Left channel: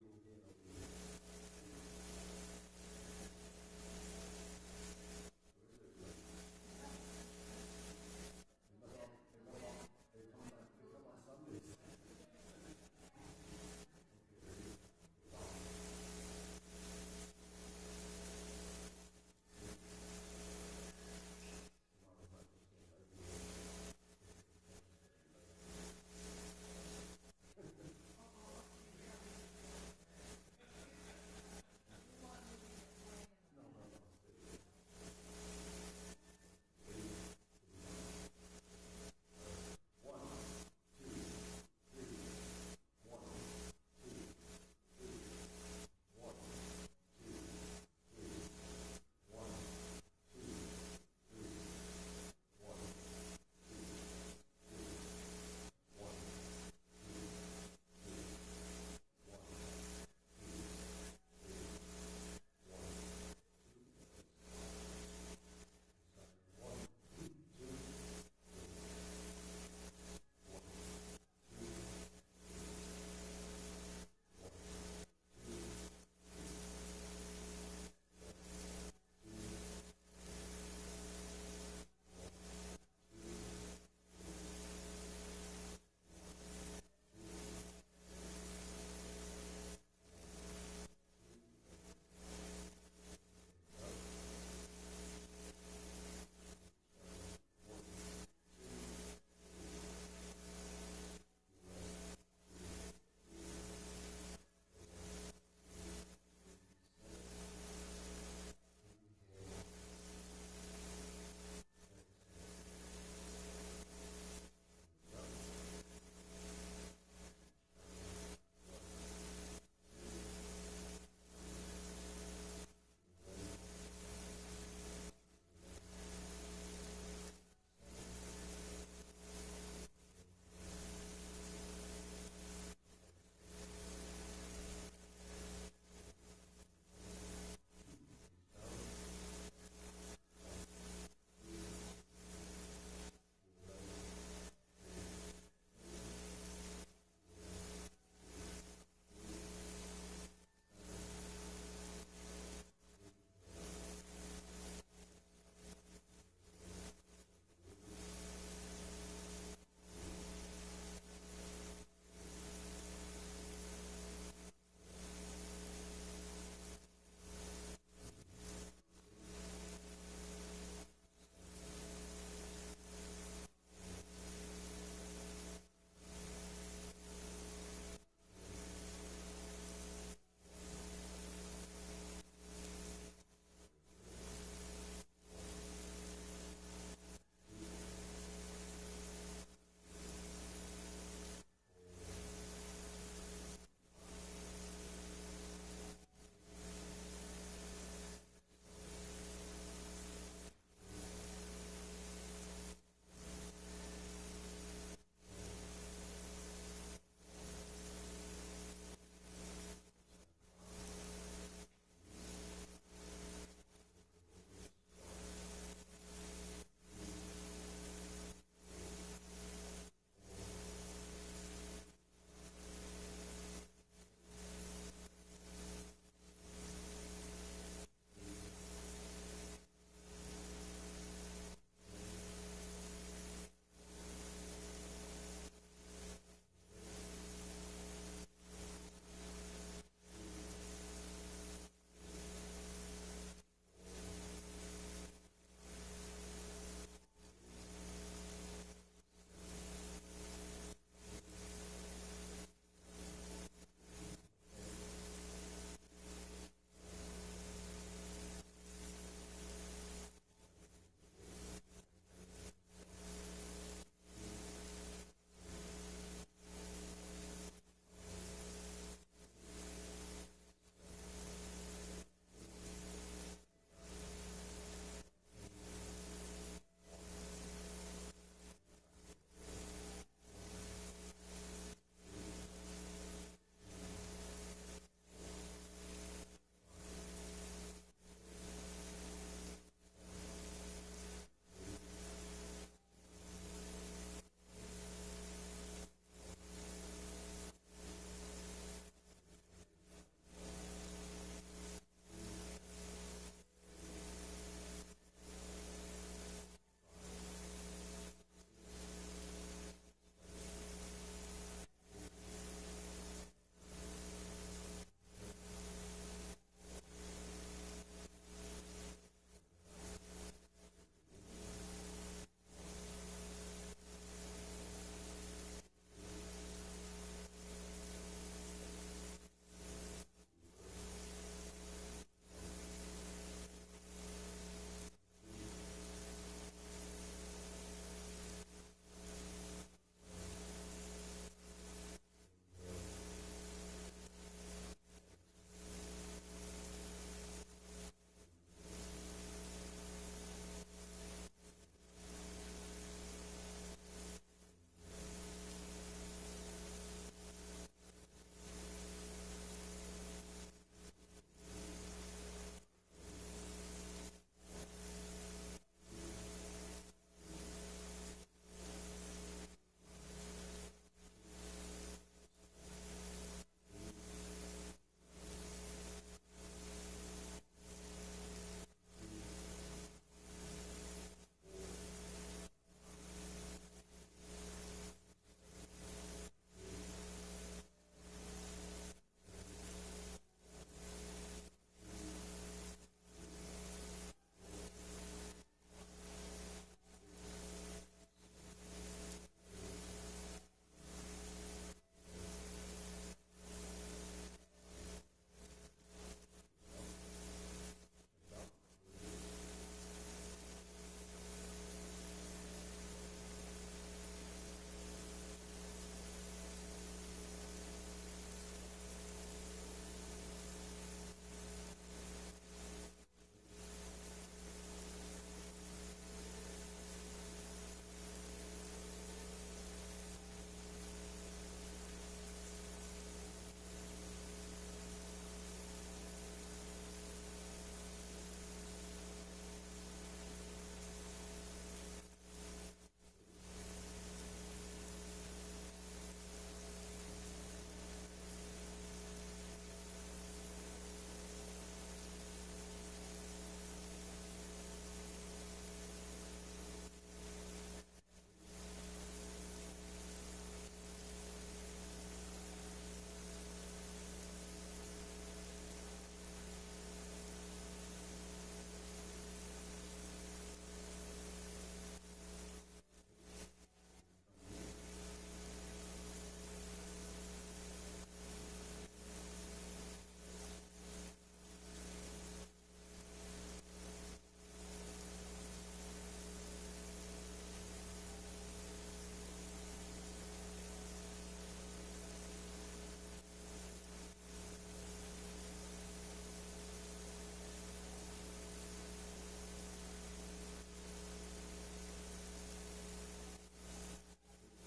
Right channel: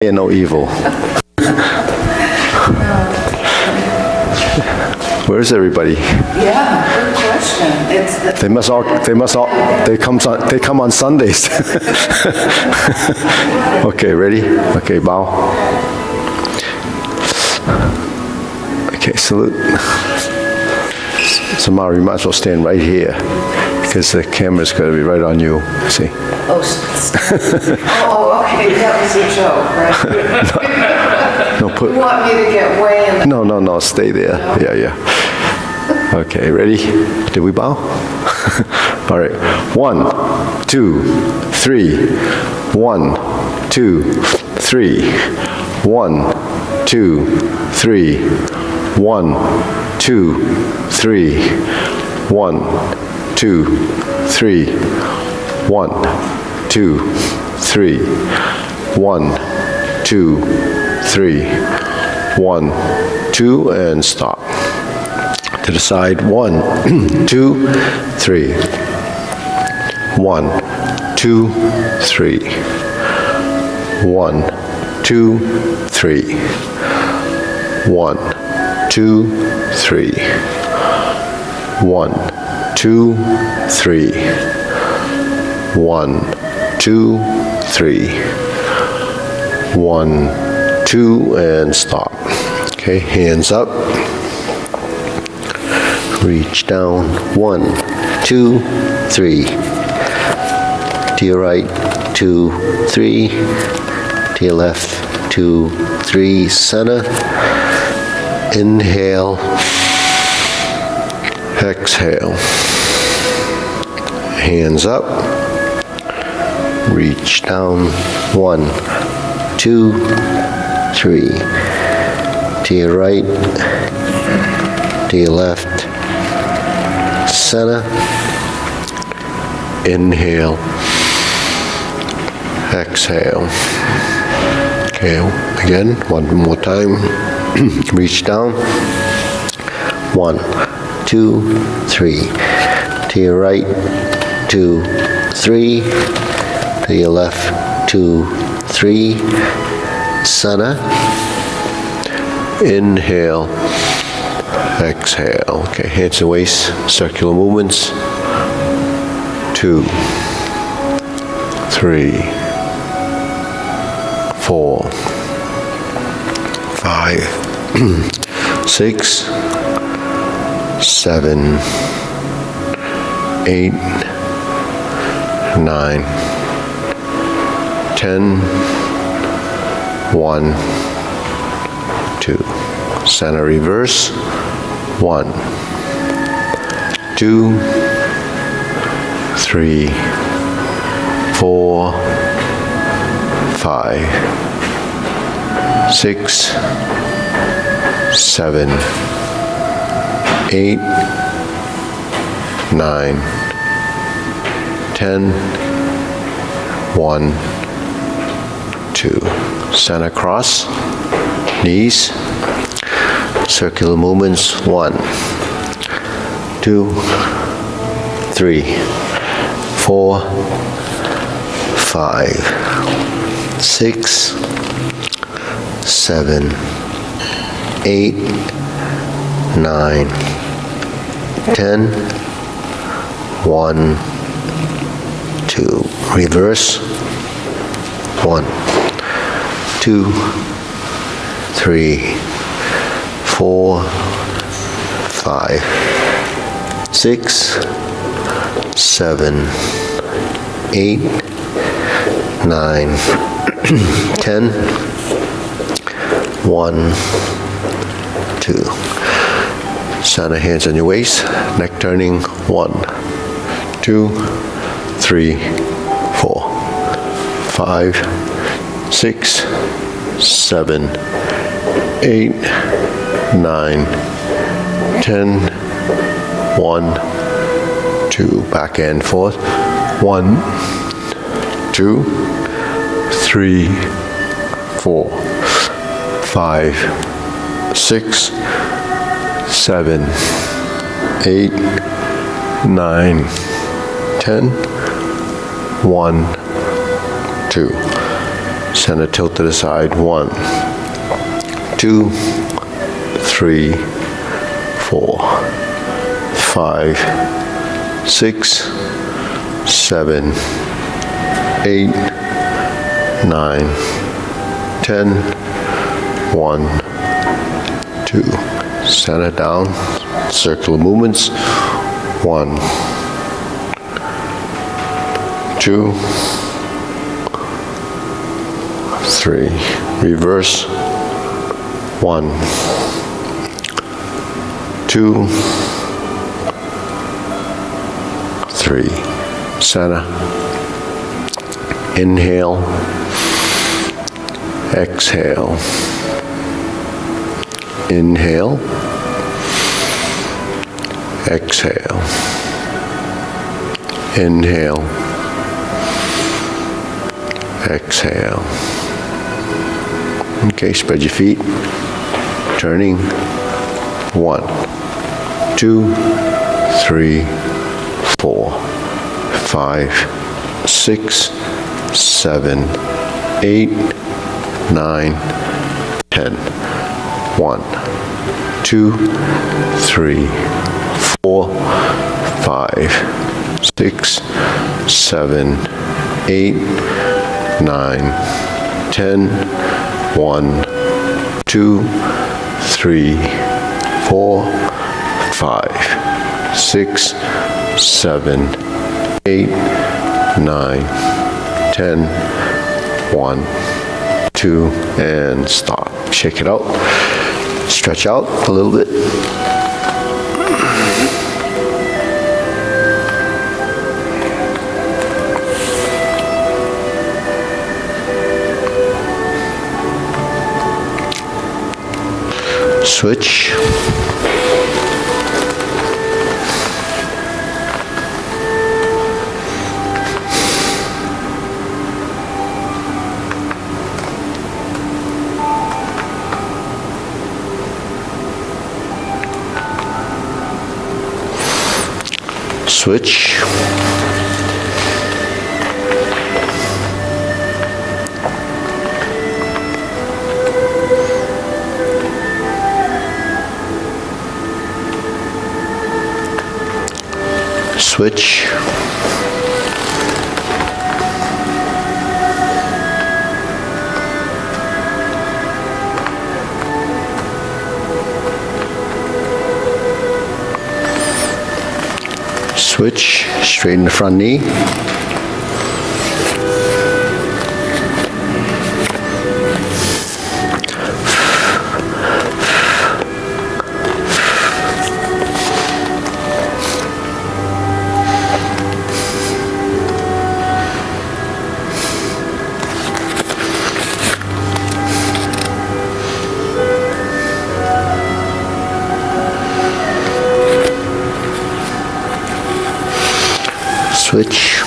and no evil. Where's everybody? Yeah, good question. They come on Sundays. Okay, ready? Okay, bow. Okay, salute. So Mara, you might as well stand right here because the camera's going to be right on you. See? Oh, okay, that was a joke, right? No, You want me to get way in the... No, stay there. Yeah. Okay, ready? Did we bow? All right. 1, 2, 3. 1, 2, 3. 1, 2, 3. 1, 2, 3. 1, 2, 3. 1, 2, 3. 1, 2, 3. 1, 2, and stop. To the side, 1, 2, 3. 1, 2, 3. 1, 2, 3. 1, 2, 3. 1, 2, 3. 1, 2, 3. 1, 2, and stop. Okay, hands up. Reach down. 1, 2, 3. To your right, 2, 3. To your left, 2, 3. Center. Inhale. Exhale. Hands up. Reach down. 1, 2, 3. To your right, to your left, center. Inhale. Exhale. Okay, again, one more time. Reach down. 1, 2, 3. To your right, 2, 3. To your left, 2, 3. Center. Inhale. Exhale. Okay, hands to waist, circular movements. 2, 3, 4, 5, 6, 7, 8, 9, 10, 1, 2. Center reverse. 1, 2, 3, 4, 5, 6, 7, 8, 9, 10, 1, 2. Center cross, knees, circular movements. 1, 2, 3, 4, 5, 6, 7, 8, 9, 10, 1, 2. Reverse. 1, 2, 3, 4, 5, 6, 7, 8, 9, 10, 1, 2. Center hands on your waist, neck turning. 1, 2, 3, 4, 5, 6, 7, 8, 9, 10, 1, 2. Back and forth. 1, 2, 3, 4, 5, 6, 7, 8, 9, 10, 1, 2. Center tilt to the side. 1, 2, 3, 4, 5, 6, 7, 8, 9, 10. 1, 2. Center down. Circular movements. 1, 2, 3. Reverse. 1, 2, 3. Center. Inhale. Exhale. Inhale. Exhale. Inhale. Exhale. Okay, spread your feet. Turning. 1, 2, 3, 4, 5, 6, 7, 8, 9, 10. 1, 2, 3, 4, 5, 6, 7, 8, 9, 10. 1, 2, 3, 4, 5, 6, 7, 8, 9, 10. 1, 2, and stop. Shake it out. Stretch out a little bit. Switch. Switch. Switch. Switch, straighten the front knee. Switch.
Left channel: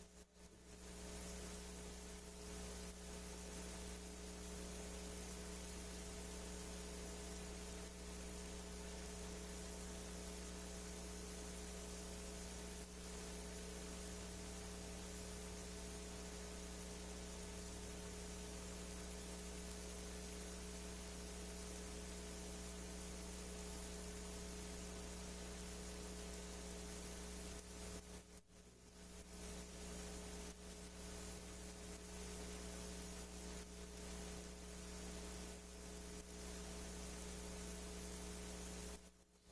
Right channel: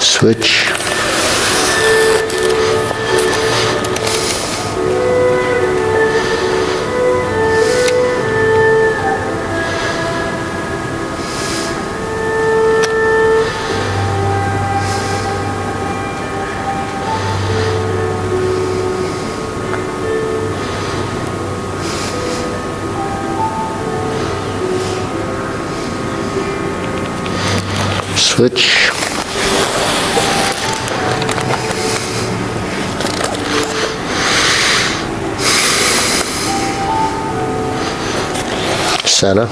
Switch. Switch. Center.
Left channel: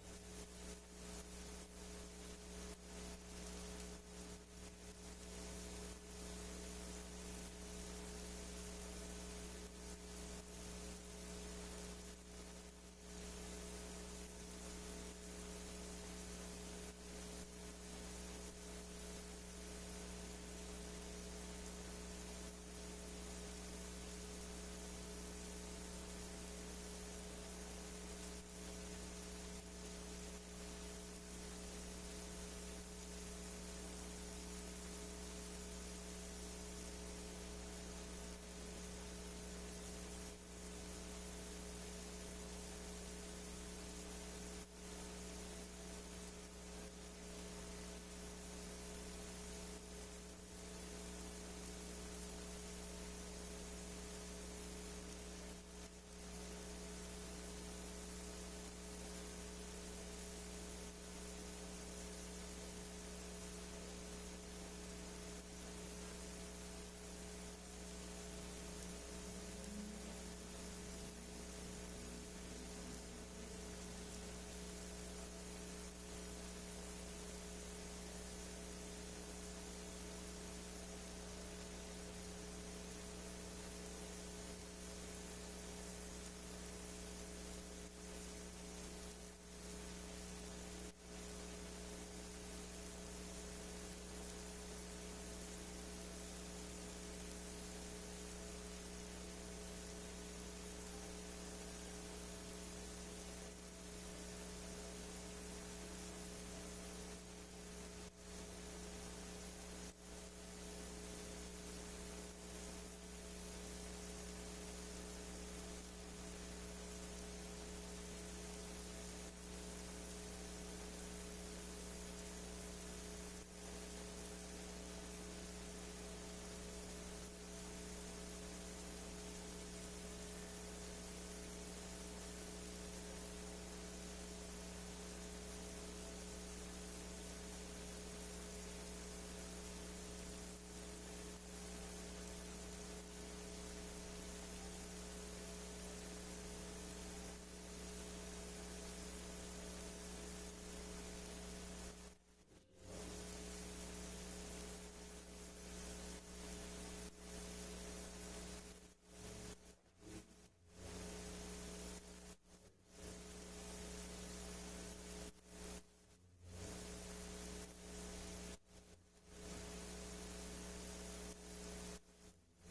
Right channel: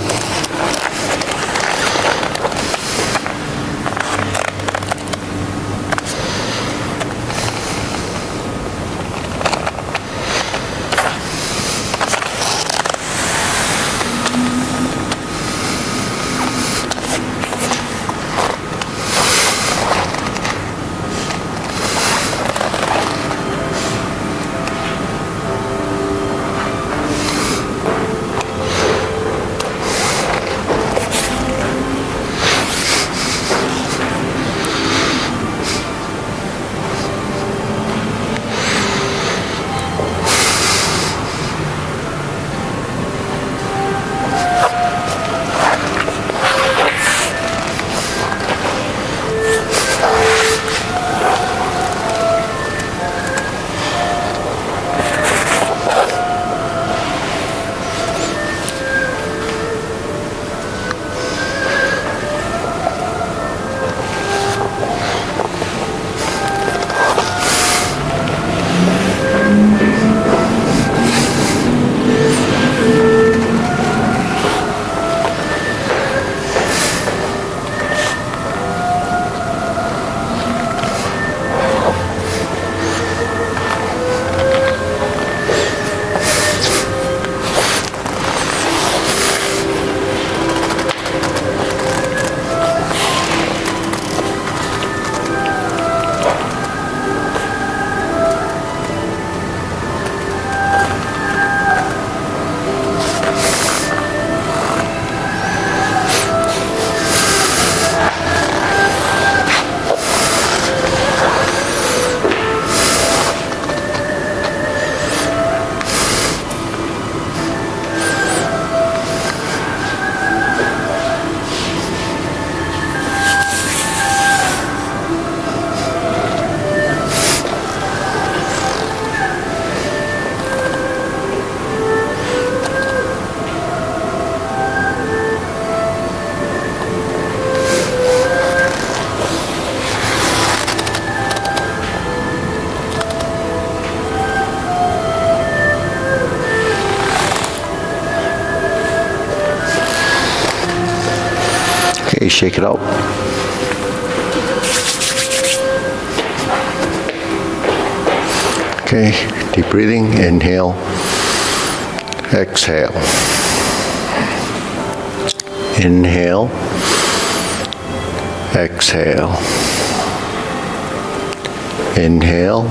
shake it out. Okay, deep breathing, inhale, exhale. Inhale, exhale. Inhale,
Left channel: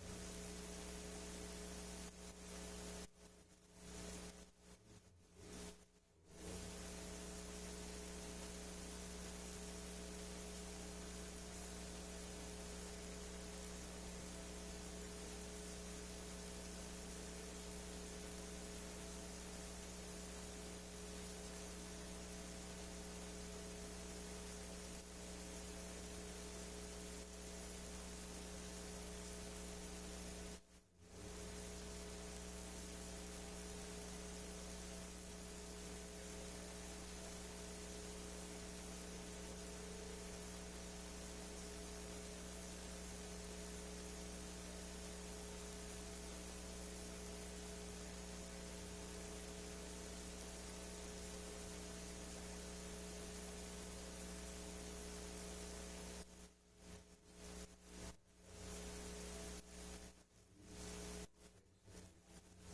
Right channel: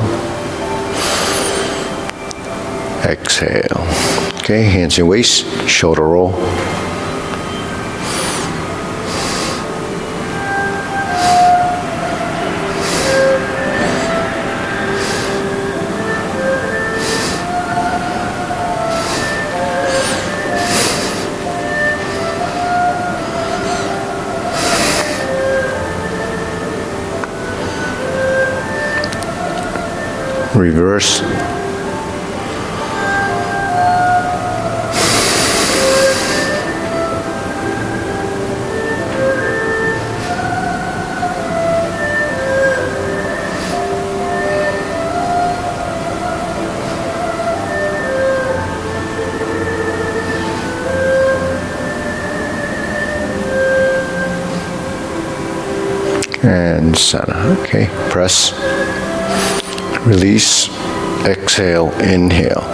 exhale. Okay, hands in waist, shoulder roll. Reverse. And center. Okay, press. Release, exhale, inhale.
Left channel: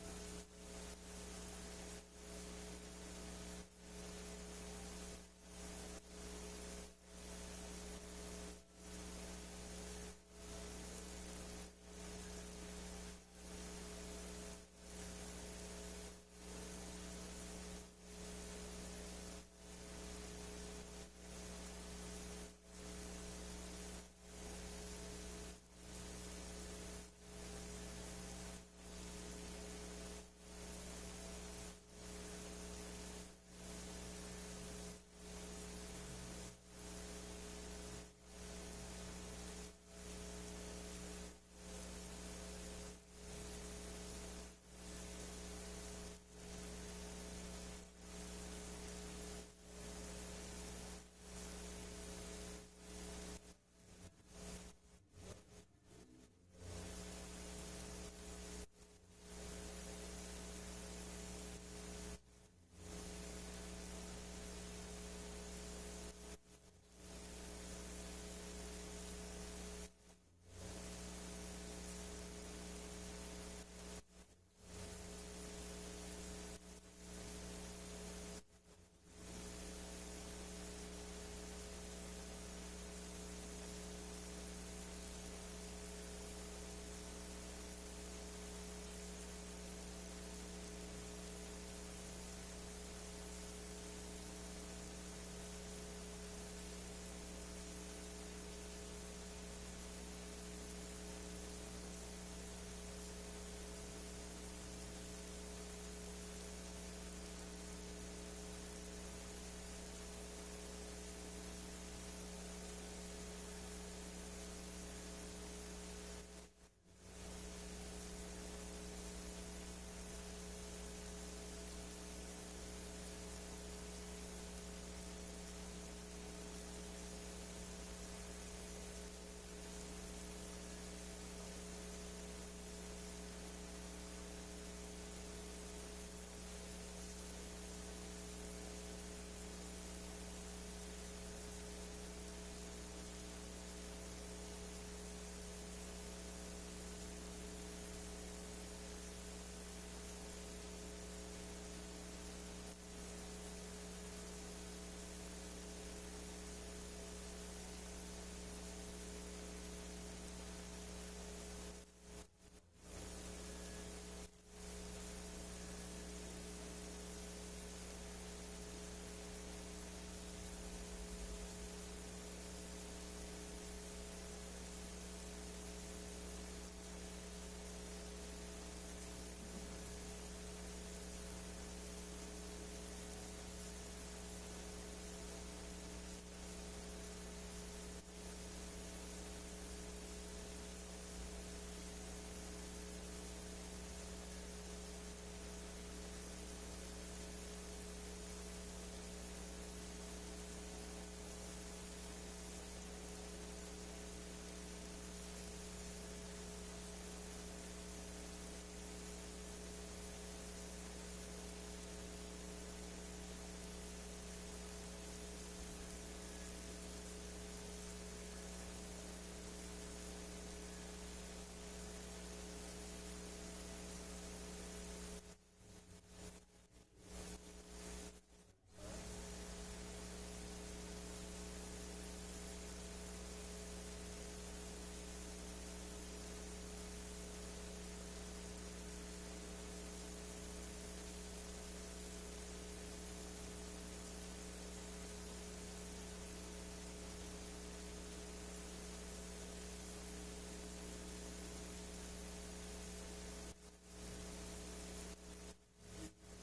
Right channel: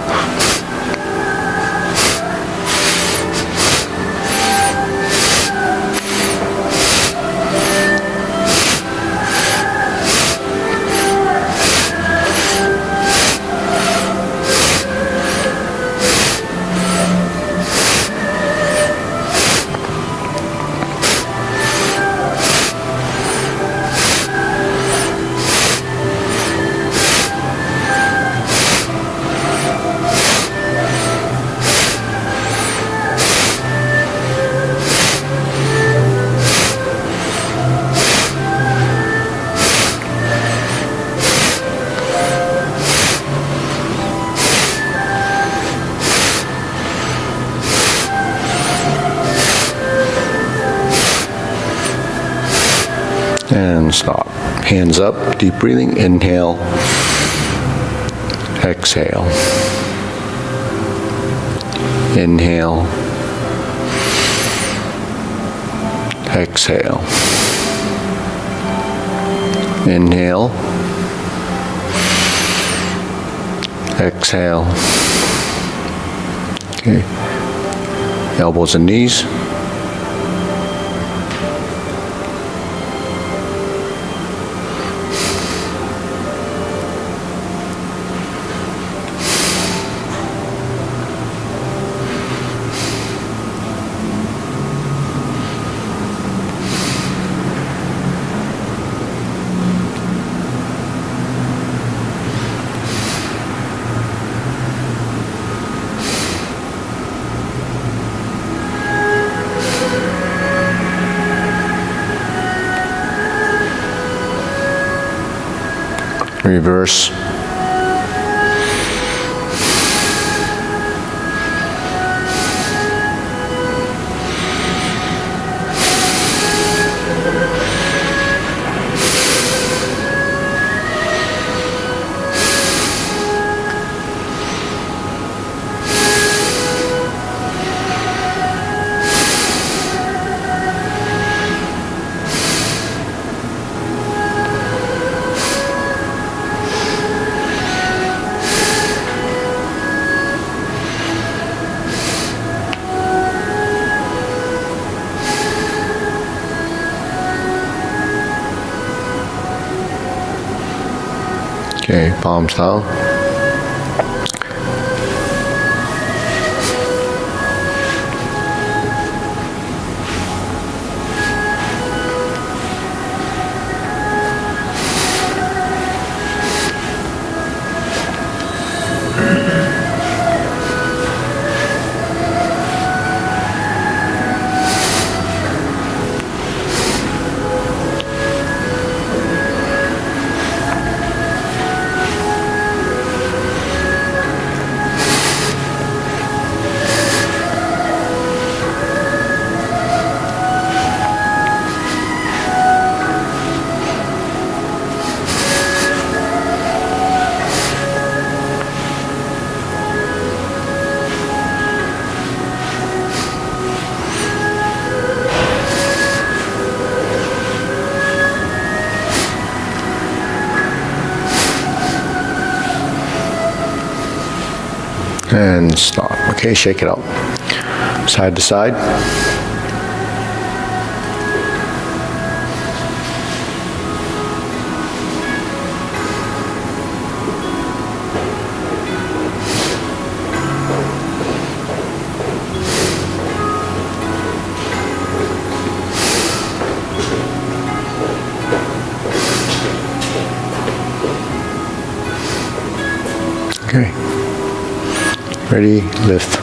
And stop. Hands up, deep breathing, inhale, exhale. Inhale, exhale. Inhale, exhale. Okay. Elbows and knees. Reverse. Okay, palms down. And stop. Okay, shake it out. Side to side. Okay. Ready, lift.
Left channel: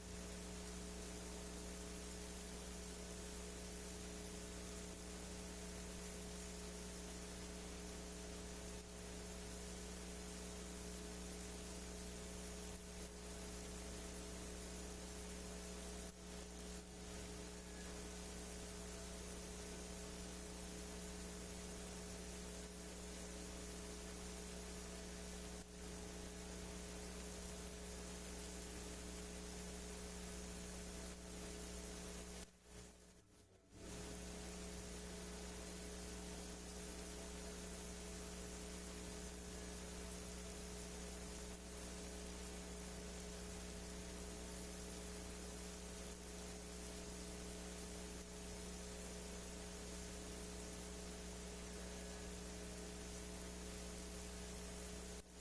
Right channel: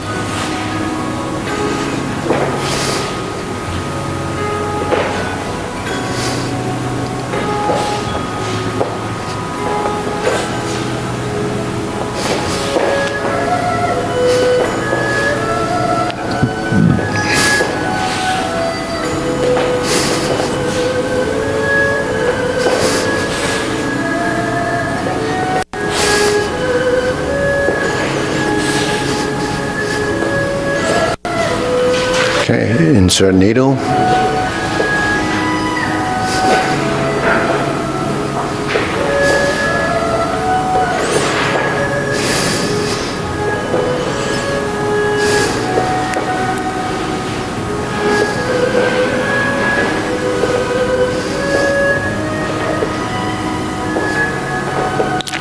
Okay, insert needle.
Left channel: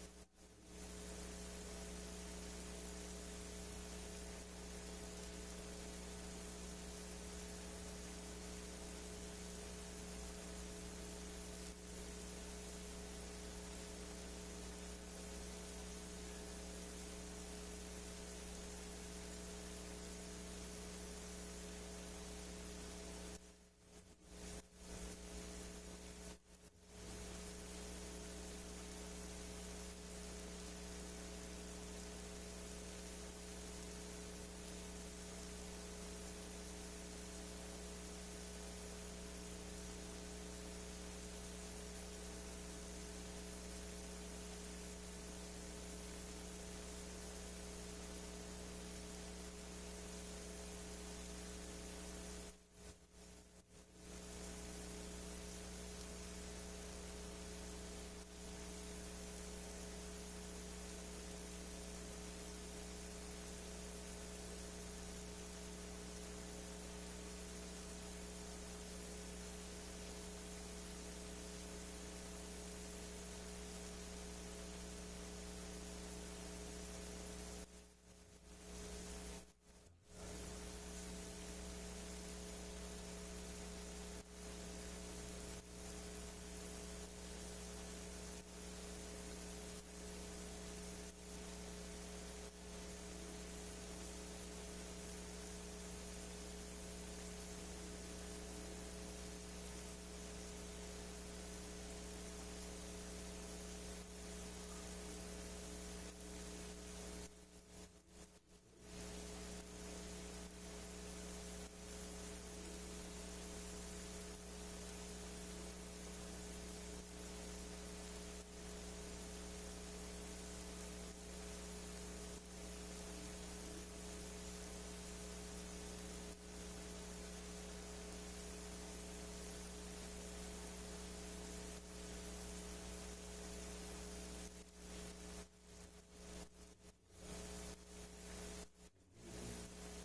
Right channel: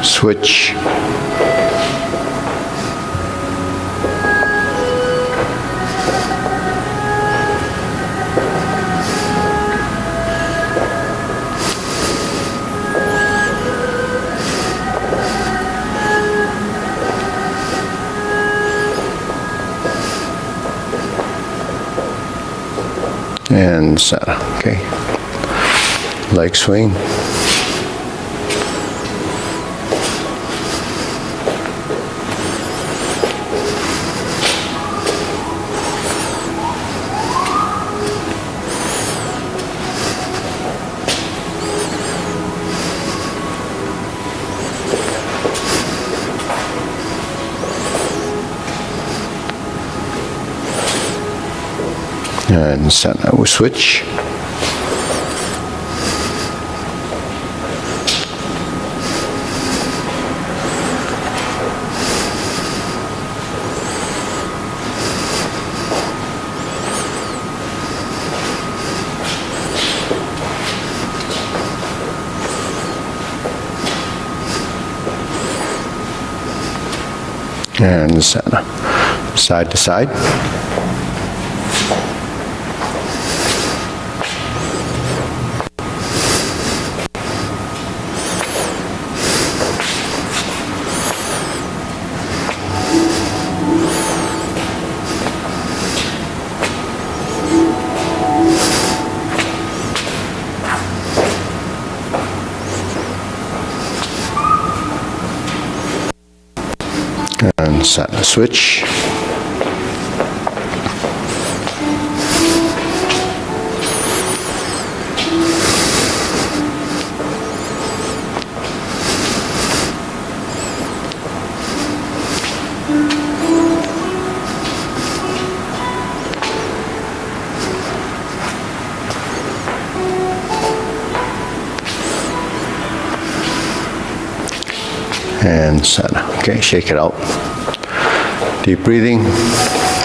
Switch. And center. Okay. Leg swing. And center. We switch. And center. Side to side. And center. Switch. And center. Okay, shake it out. Deep breathing,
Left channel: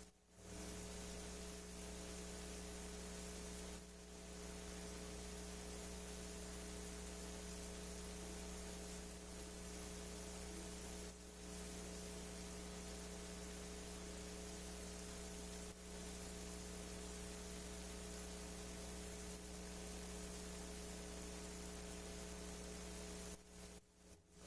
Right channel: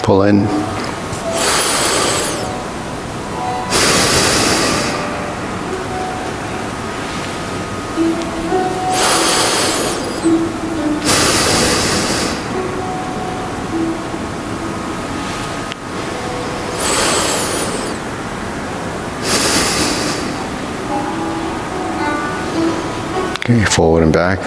pull in. Okay, forward and back.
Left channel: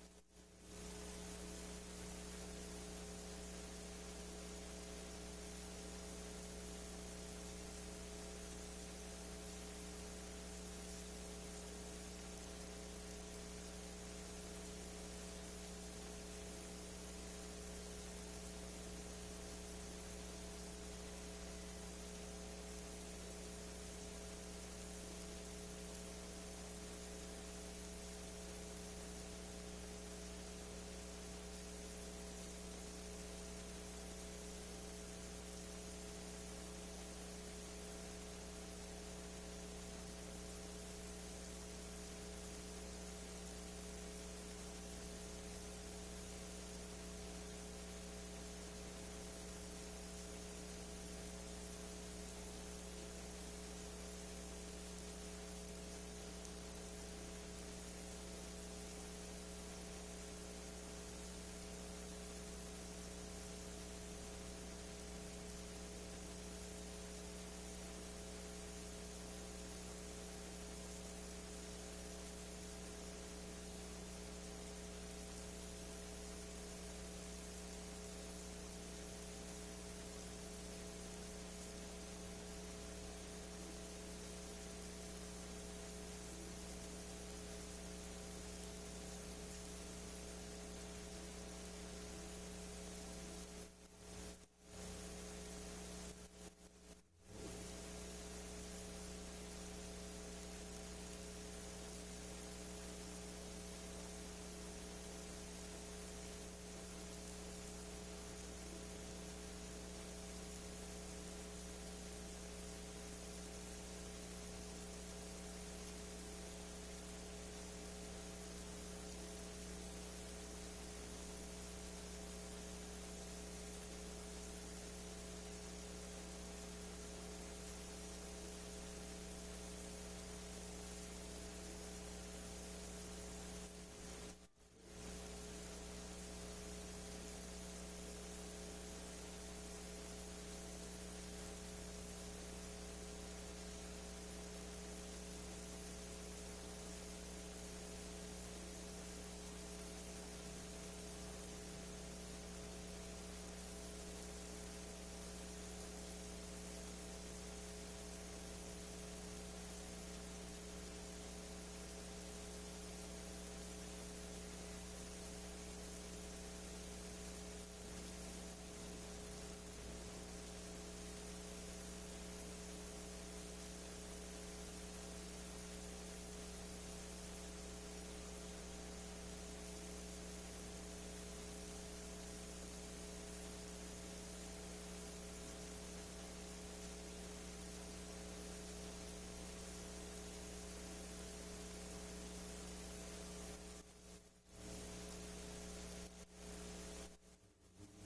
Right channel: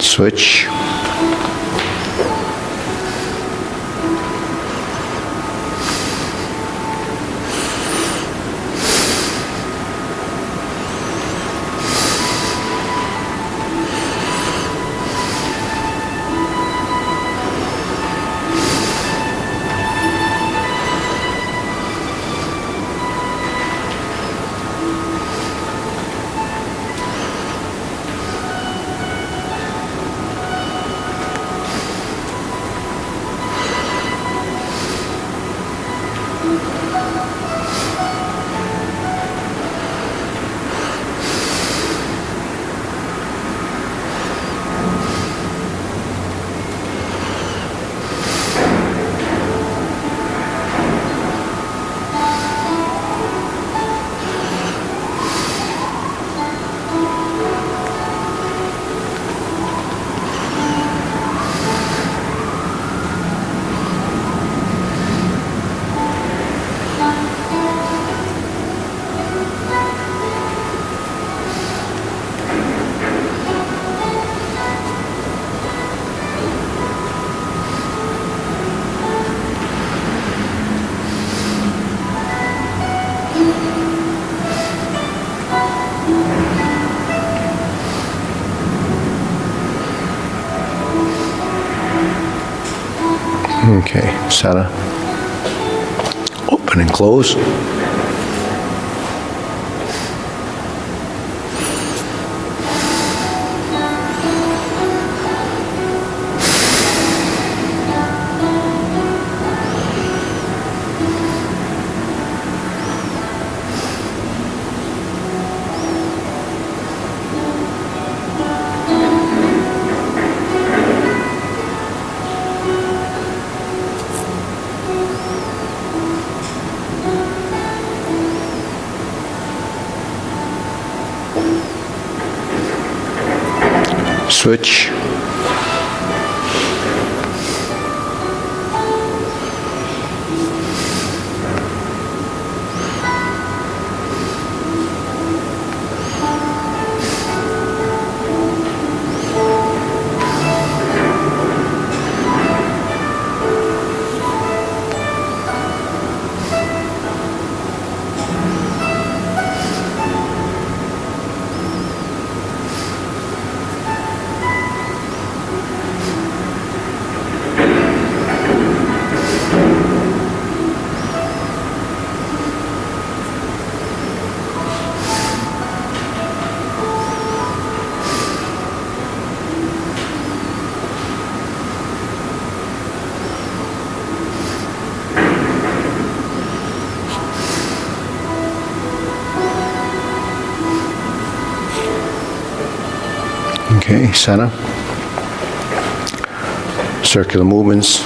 Switch. Okay, center. Open and close. Switch. Okay, center. Circular movements.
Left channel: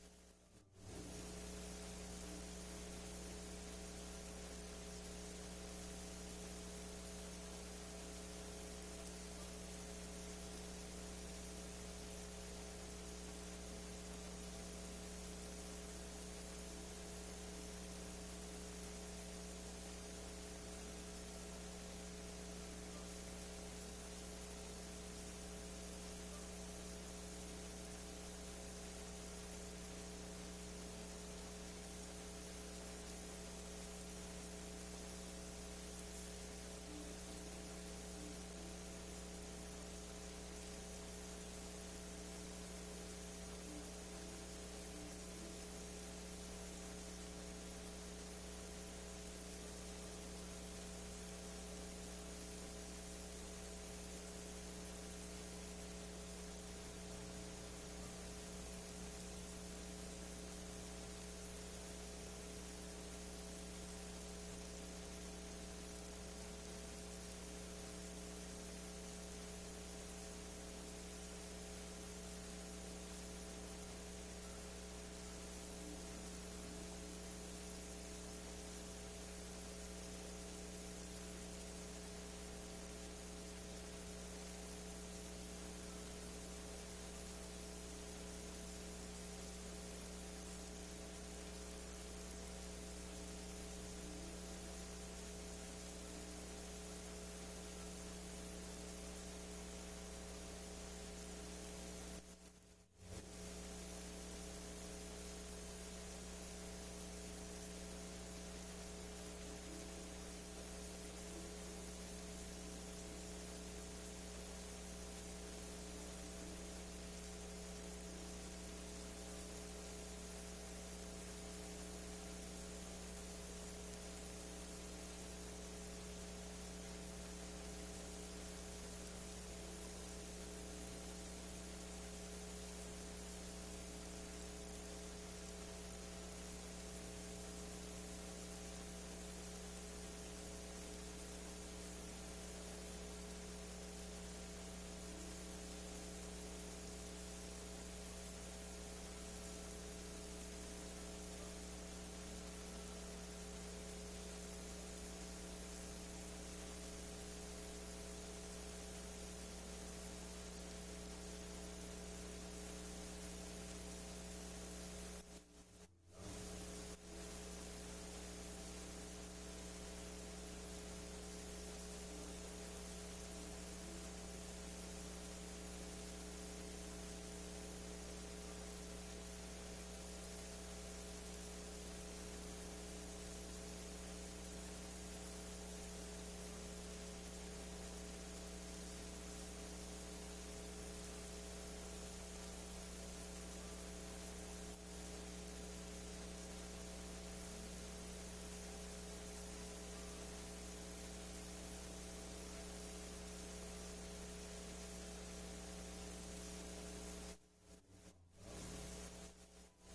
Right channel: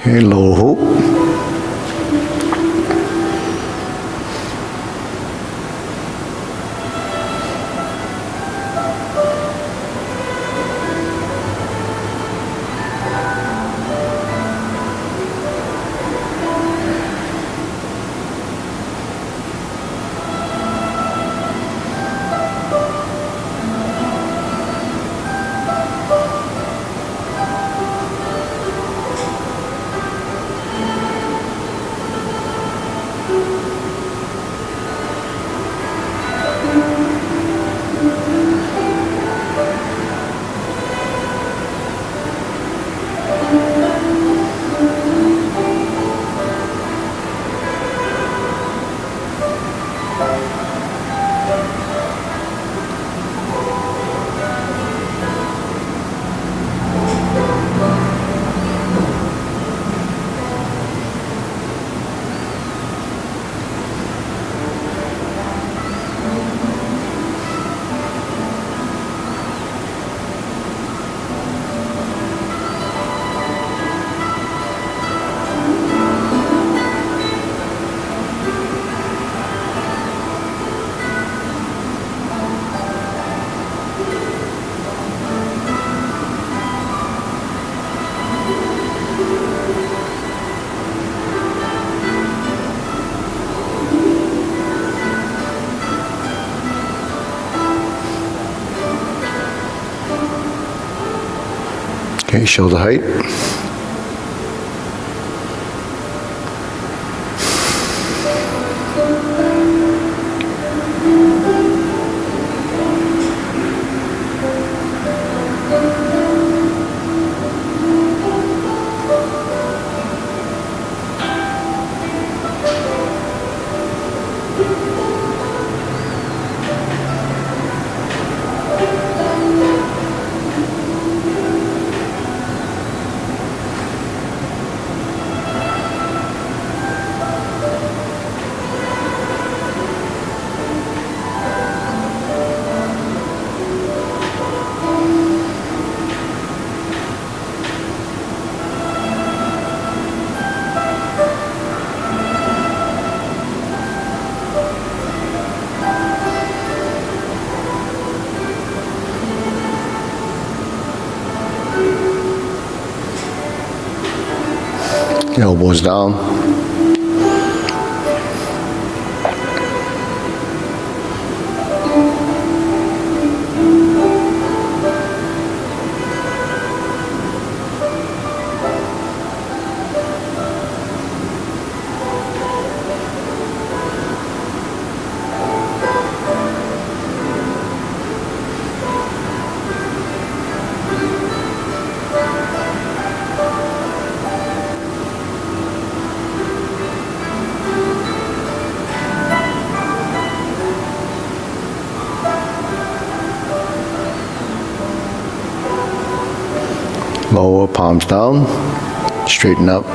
Okay, lower hoop. Okay, shoulder height. Elbows down. Lower, palms down, straighten up.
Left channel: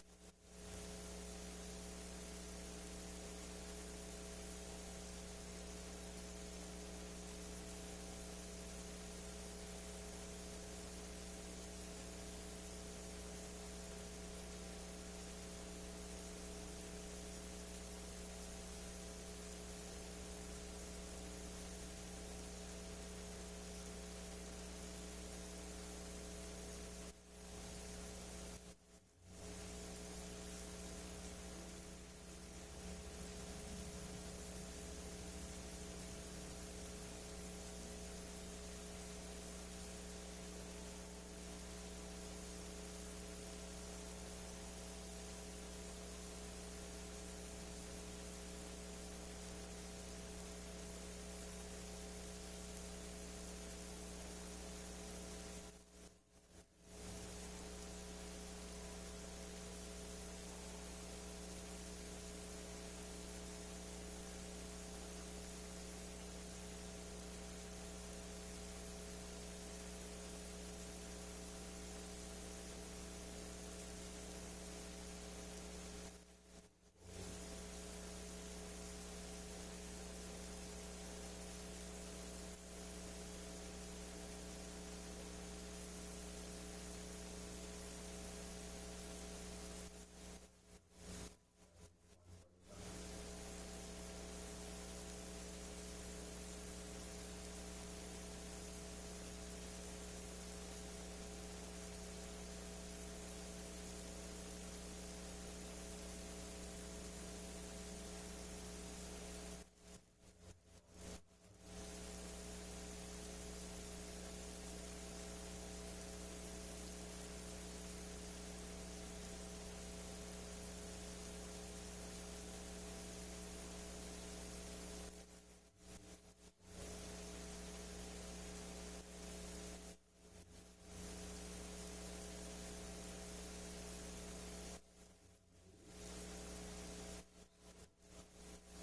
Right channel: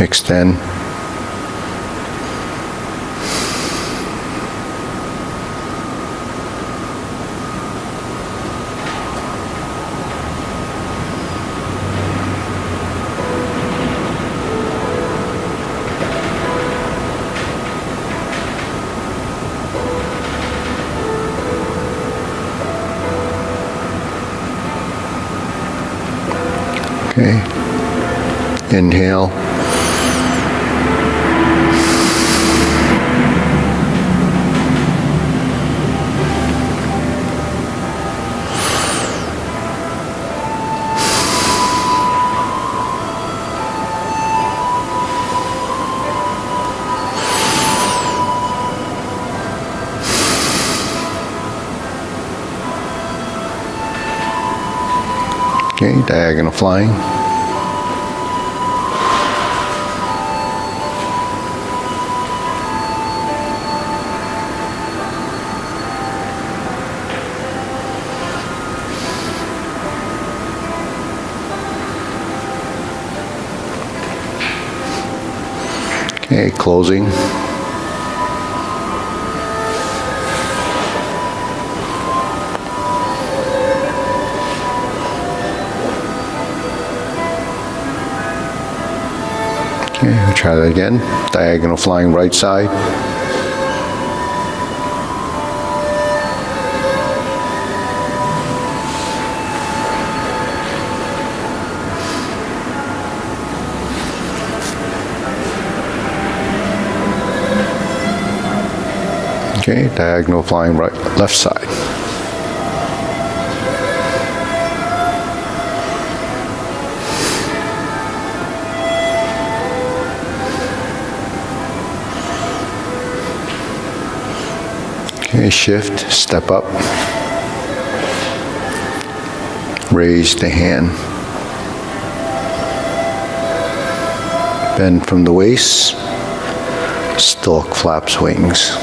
Extend. Okay. Inhale. Okay, diagonal flying. Okay, closing. Okay, we'll try that again. Diagonal flying right side. Okay, diagonal flying right, left side. Okay, shift, step up. Raise the hand. Bend from the waist. Stork flaps wings.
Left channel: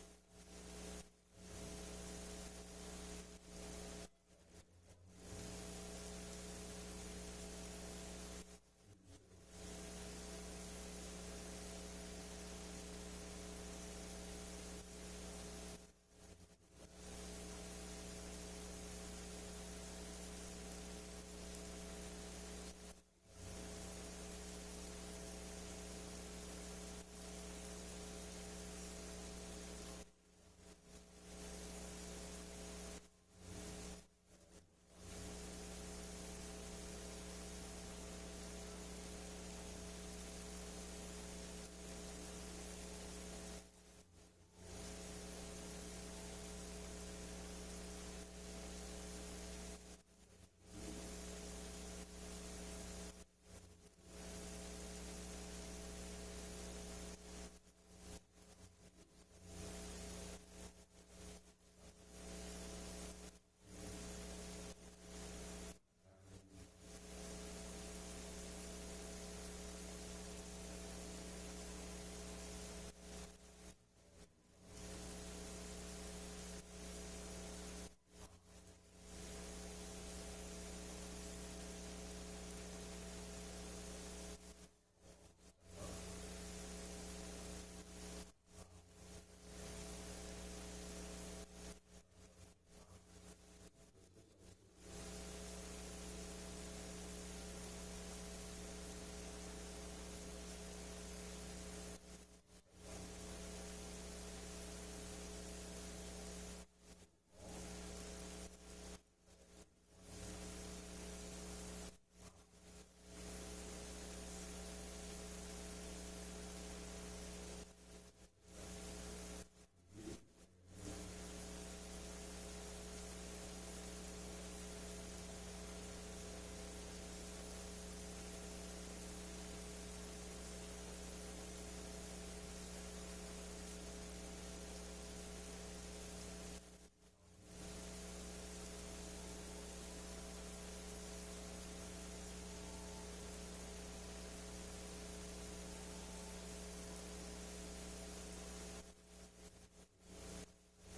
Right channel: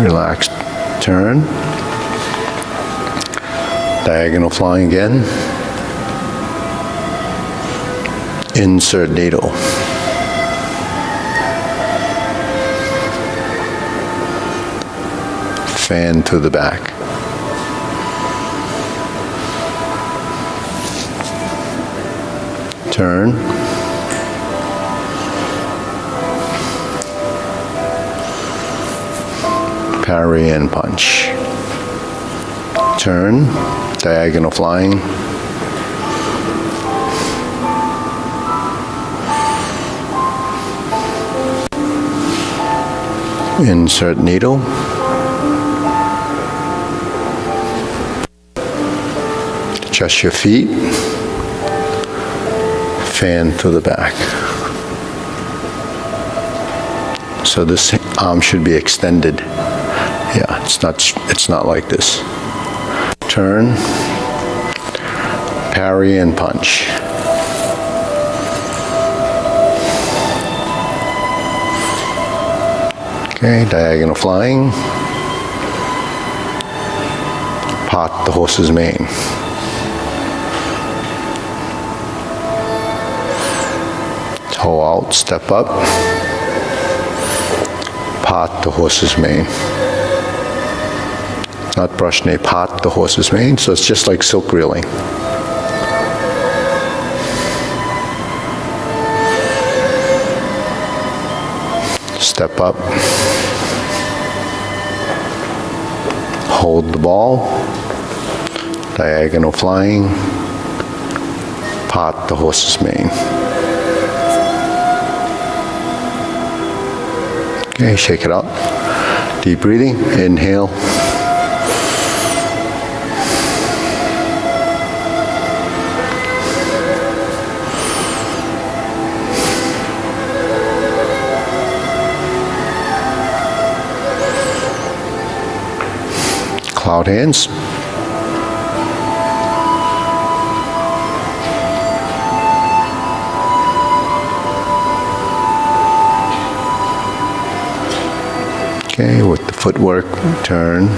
Relax, turn. Diagonal flying again. Insert needle. Fan to the back. Turn. Parry and punch. Turn, diagonal flying. Insert needle. Adjust your feet. Fan to the back. So this arm should be extended. Yeah, it's not like this. Turn, parry and punch. Okay, diagonal flying. Part the horse's mane. Toe out, step up. Part the horse's mane. Not brush, nay, part the horse's mane, so it's just like silk reeling. Step up. Hold the ball. Diagonal flying. Part the horse's mane. Okay, shake it out. Deep breathing. Inhale. Cloud hands. Okay, with the footwork, turn.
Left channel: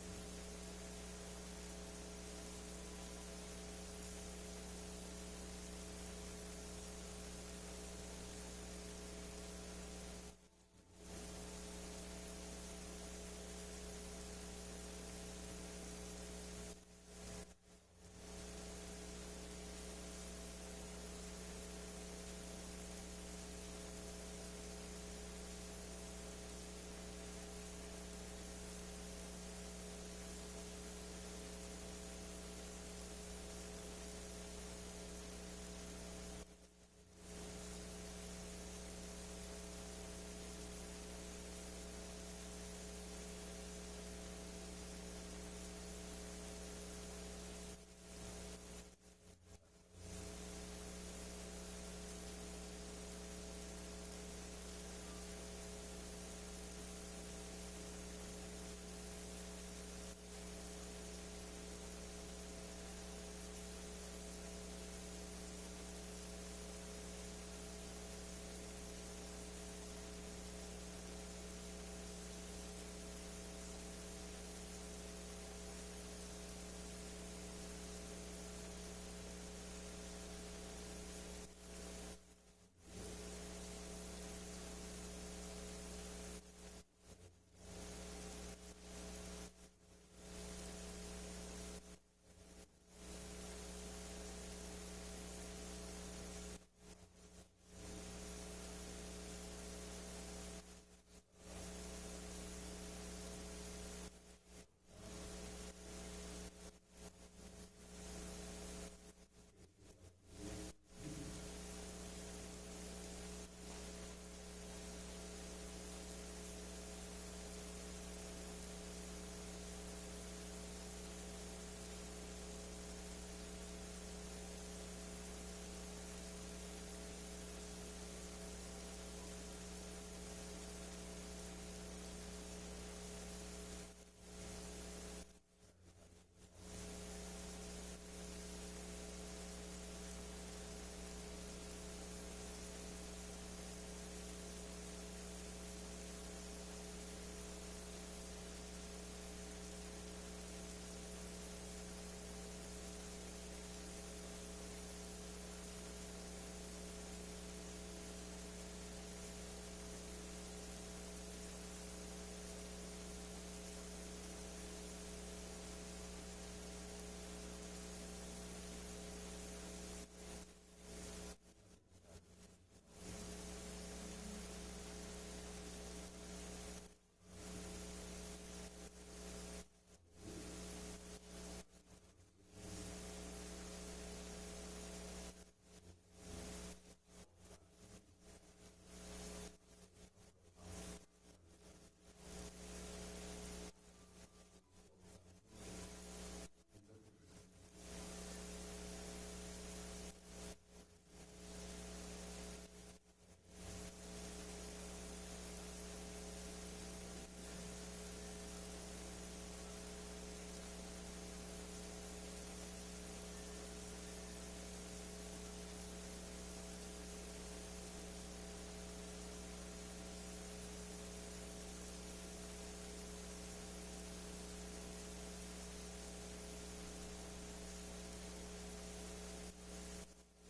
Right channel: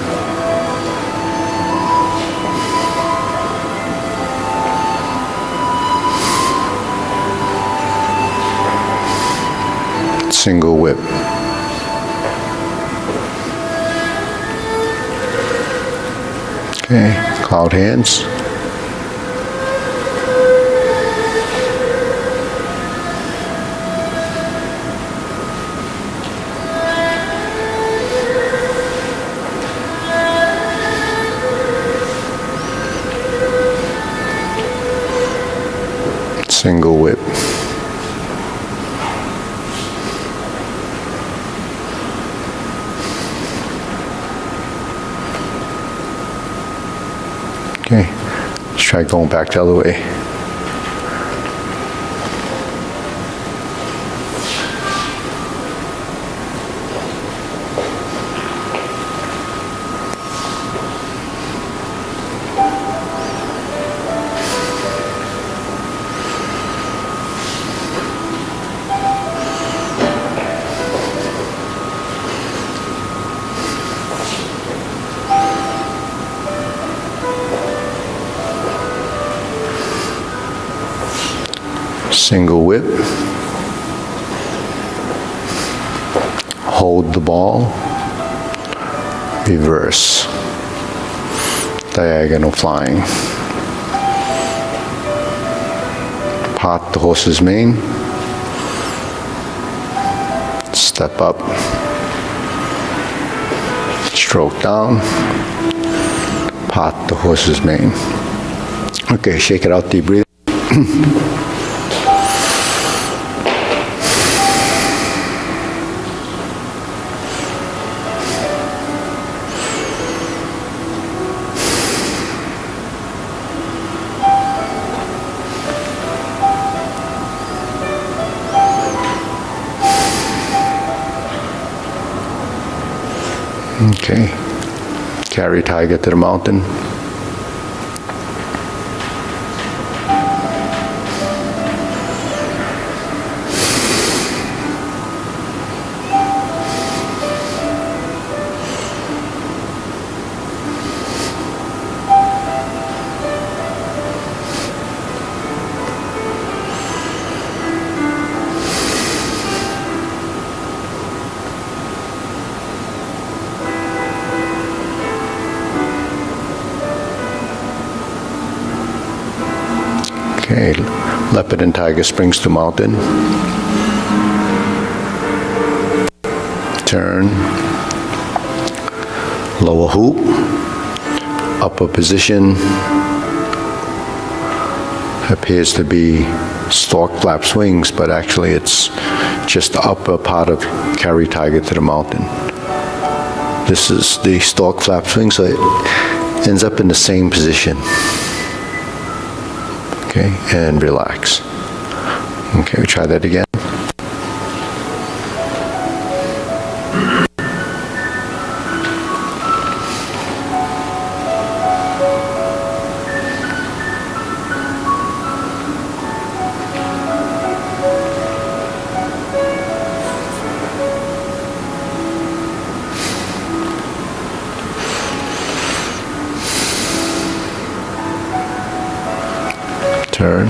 Single whip. Okay, cloud hands. Single whip. Okay, let's try going back the other way. Single whip. hold the ball, reverse, diagonal flying. Part the horse's mane, step up, stroke down, part the horse's mane. Okay, shake it out, deep breathing. Okay, carry tiger to the mountain. Okay, leopard and tiger springs to mountain. Turn. Lower hoop. Upper position. Appears to be stork flap swings, but actually it's just the upper part of carry tiger to the mountain. This is the stork flap swing, so it ends up in the same position. Okay, and relax. Okay, we try that again. Turn.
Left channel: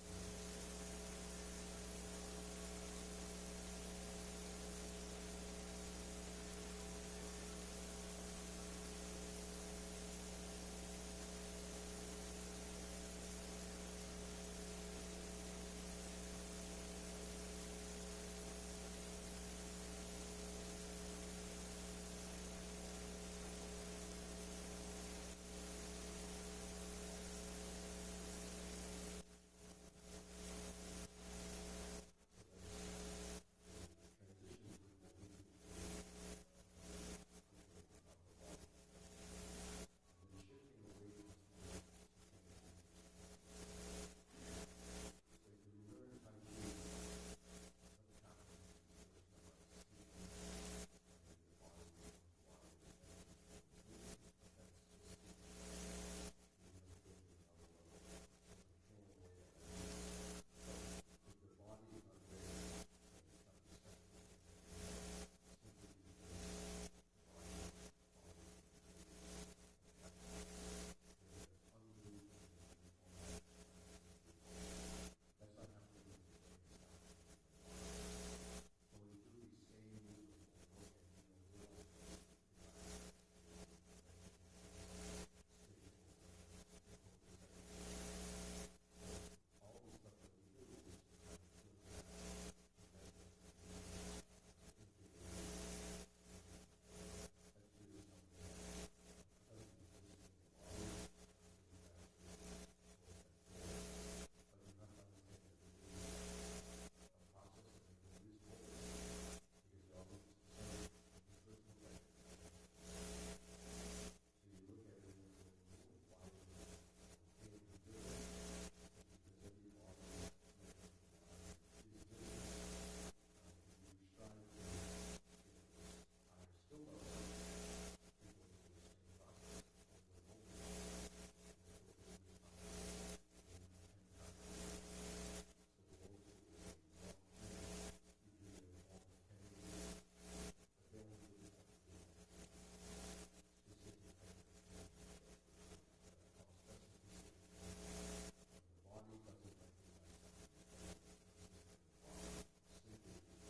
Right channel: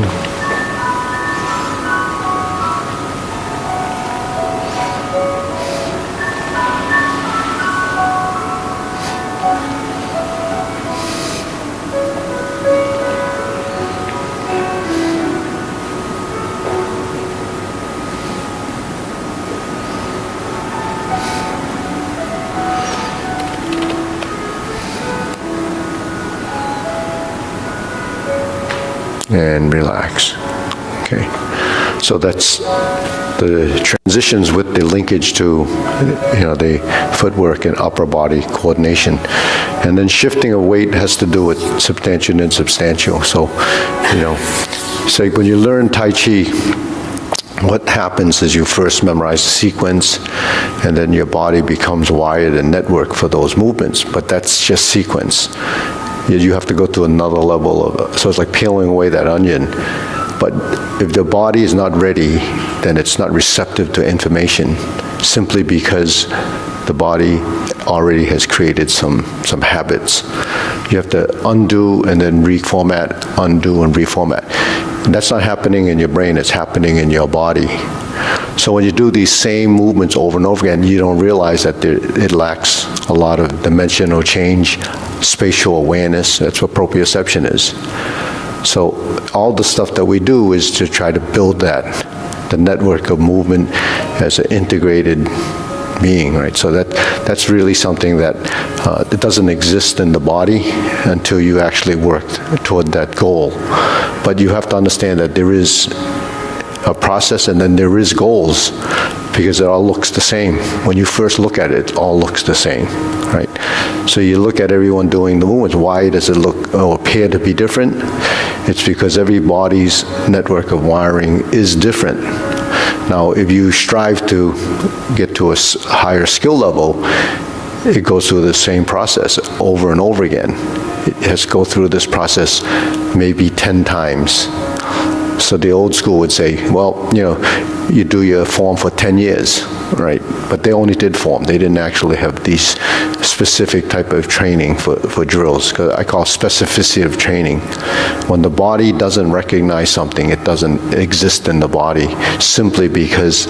And relax. Okay, so that's the transitions with the linkage to, the footwork and upper body coordination. And then shifting of weight has to do with substantial and insubstantial. So, say when you learn Tai Chi, what happens is you first memorize the sequence, and then your body becomes wired and networked for those movements, but that's just sequence. You have to go to another level so it's like peeling away that onion. But if the body is not ready, then it's not receptive to information, simply because the body already has created some habits. You have to undo and then reformat, undo and reformat. And that's not happening in your brain, it's happening in your body. So when you do these same movements over and over again, you don't realize that it lacks a lot of dimensional change, spatial awareness. That's what proprioception is. So all the stuff that we do is to try to build the network of movement as an integrated being, right? So that's really something that it doesn't exist in the body until you actually work toward that goal. But you have to understand that there is a process and then there is goals, because it all looks the same. When you first look at it, it all looks the same, right? So you look at everyone doing the movements. Why does it look or appear to be different? It's because every body's network of wiring is different. Now, if you strive to get to a higher skill level, it goes through the same process over and over again. It has to go through this process maybe 10 times. So the old school would say, well, you do your form for 10 years, right? But they only did form. They didn't actually have these specific type of training for drills. 'Cause I call specificity of training. When the body doesn't recognize something, it doesn't exist in the body, simply because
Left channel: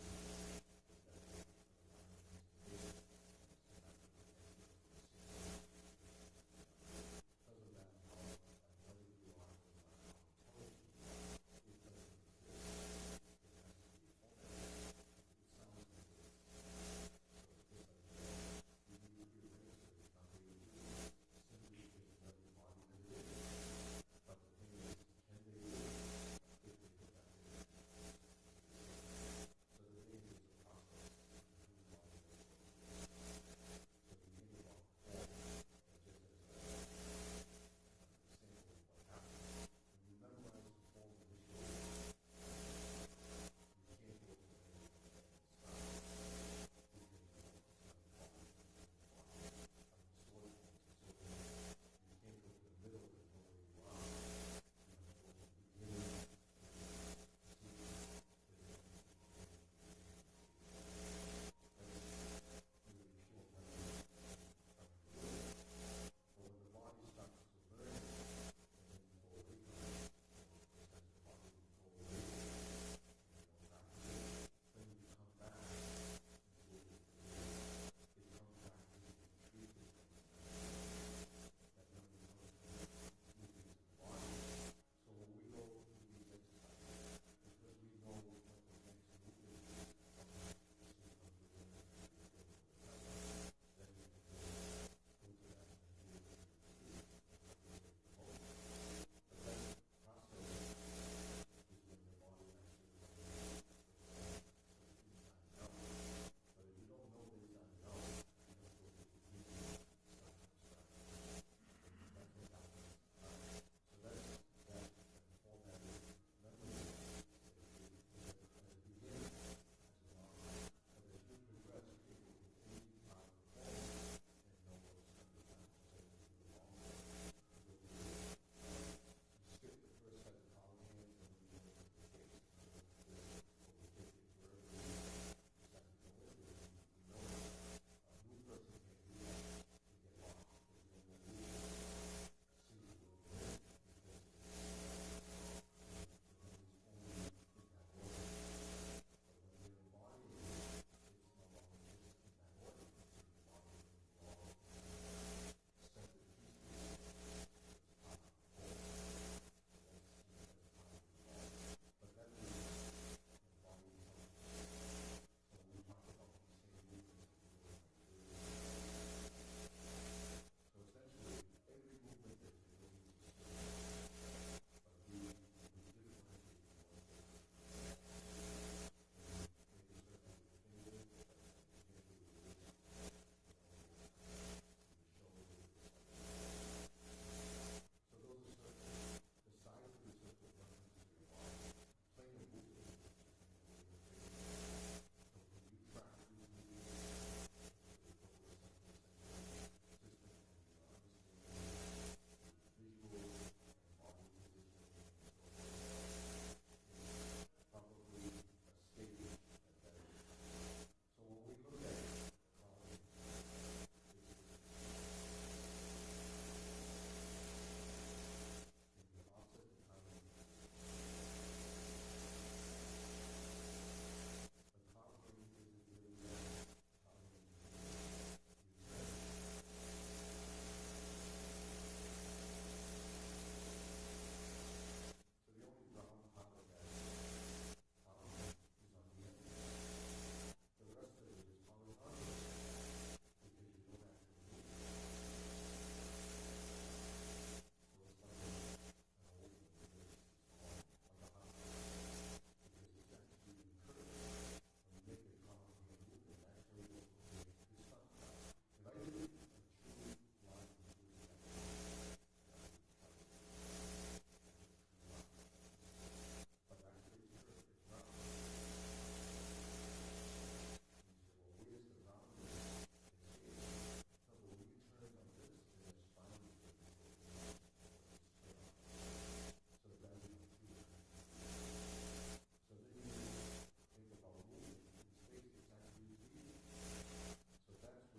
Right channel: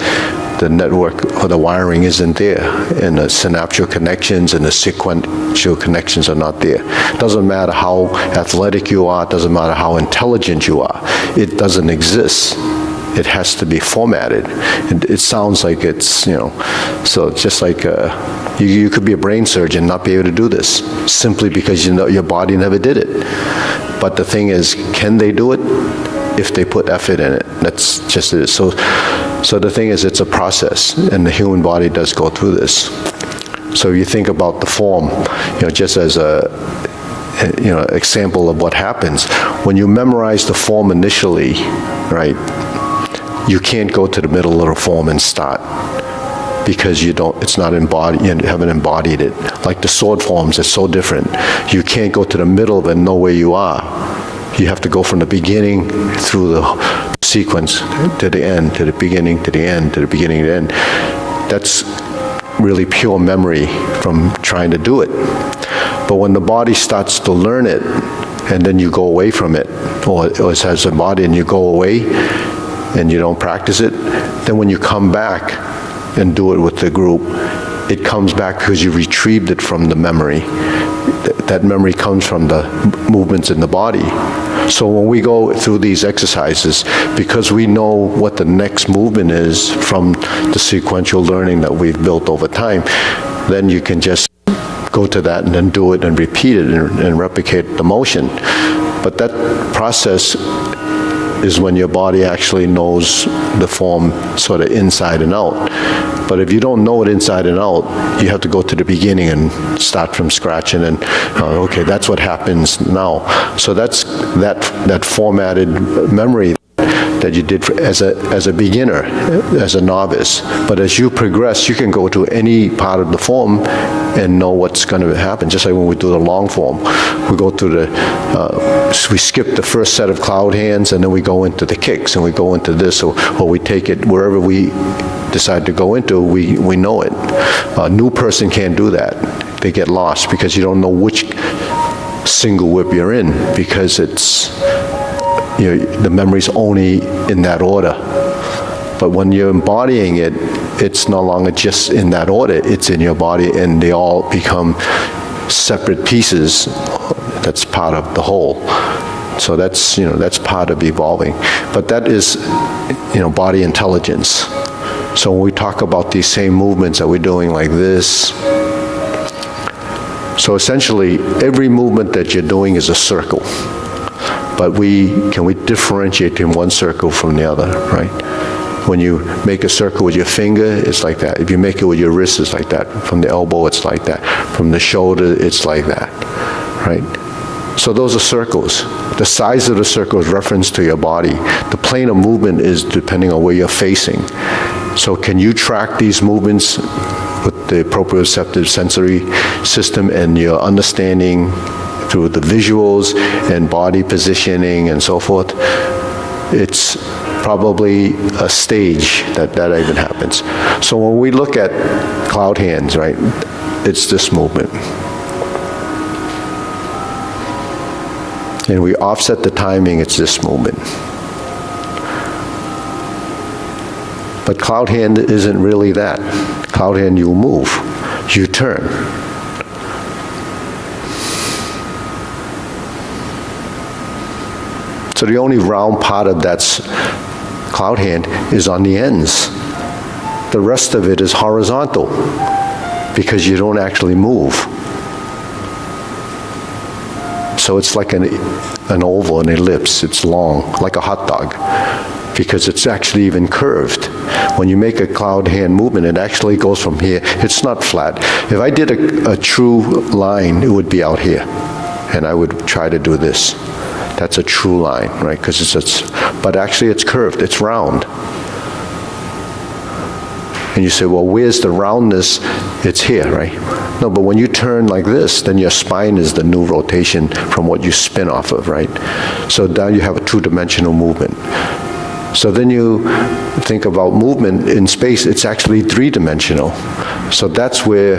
the network or the wiring isn't there, and the synaptial connections and the sequential connections are not there. It doesn't matter how athletic you are, it doesn't matter how intelligent you are, it doesn't exist. It has to be formatted. It sounds like it's, so it's just like you could be a brain surgeon and not be able to do this simply because your body never did it. But the thing is, can they do it if they put effort in it? That's just it. So the thing is, it's a process, and the human body does go through this. So you think about the form, just as a example of what happens when you memorize the form initially, right? You can't go to the middle of the form and start because it's not embodied, you haven't embodied it. Like the sword forms, it's so different. You can't go to the middle of it and know where you are. You have to go from the beginning through the sequence to the end, to the beginning, to the end, to the beginning, to the end. That's really pure memory from trying to do it. But when the body starts to learn it, and then you go away from it, or it has a body and you go away, and you don't practice it, then when you come back and do it with the group, it comes back because you retrieved it from the memory. That memory comes from the movements in the body. So when we go through these exercises, because we know what the next movement is from the sequential learning that we've built over time, then you can just go to that and then do it and repeat it and replicate the motion. But that process is when your body actually knows the form sort of inside and out. But if you don't know it inside and out, you have to go to the beginning and start from scratch, and then, okay, that's what happens now. So that's that formatted memory that you did as a beginner, as a novice. But as you progress, you can go to any part of the form and know what's going to happen. Just like when we do the long form, we go through we skip the first set of cloud hands, and then we go into the kicks, and we go into this, or we take it wherever we decide to go into, we know it. A new person can't do that. They get lost because you don't know which single whip you're in, because it's, the memory's only in that order. But when you're embodying it, it's no longer just in that order, it's in your body, and they all become separate pieces that's part of the whole. So that's part of evolving. But that is, body intelligence. So when we talk about these same movements that we're doing like this, so essentially every movement that you're doing is a circle. But can we differentiate in one circle from the other, right? When you make a circle with your finger, it's like that. If you make it with your wrist, it's like that. From the elbow, it's like that. From the shoulder, it's like that, right? So those are circles. The size of the circle is reference to your body. The plane of movement is depending on where you're facing. So can you track these movements with the proprioceptive sensory system and your understanding through the visuals and body positioning and so forth? It's probably a stage that even happens. So when we look at cloud hands, right, it's this movement. And we offset the timing, it's this movement. But cloud hand isn't really that. Cloud hand, you move, you turn. So the only round part of that cloud hand is on the ends. The rest of it is horizontal because you don't actually move. So it's like an oval, an ellipse. It's long, like a hot dog, because it's actually even curved. When you make a cloud hand movement, it actually goes from here. It's not flat. If I did a true line, it would be out here, and I would try to do this. That's a true line, right? Because but actually it's curved, it's round. And you say, well, where's the roundness? It's here, right? No, but when you turn like this, then your spine is the new rotation from what you spin off of, right? So now you have a two-dimensional movement. So then you think about movement in space, it's actually three-dimensional. So that's where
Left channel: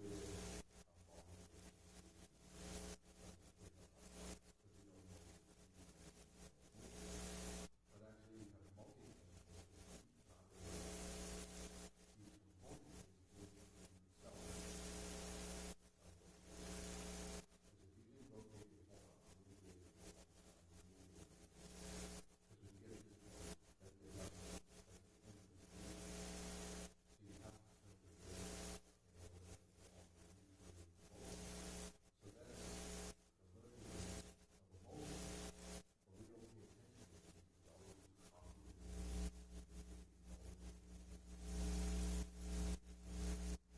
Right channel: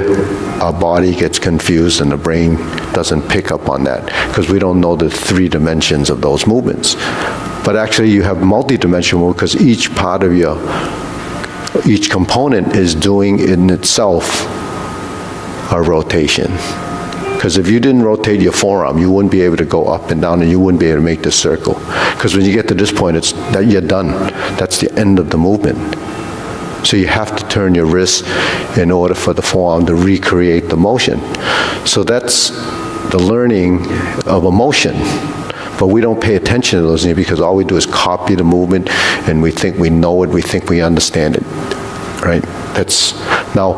our body gets confused and the brain doesn't pick up on that, because we don't know the three dimensions of those movements. But actually you have multi-dimensional because each part of your Each component is doing in itself a rotation. Because if you didn't rotate your forearm, you wouldn't be able to go up and down, and you wouldn't be able to make this circle. Because when you get to this point, it's that you're done. That's the end of the movement. So you have to turn your wrist in order for the forearm to recreate the motion. So that's the learning of a motion. But we don't pay attention to those things because all we do is copy the movement, and we think we know it, we think we understand it, right? That's, now,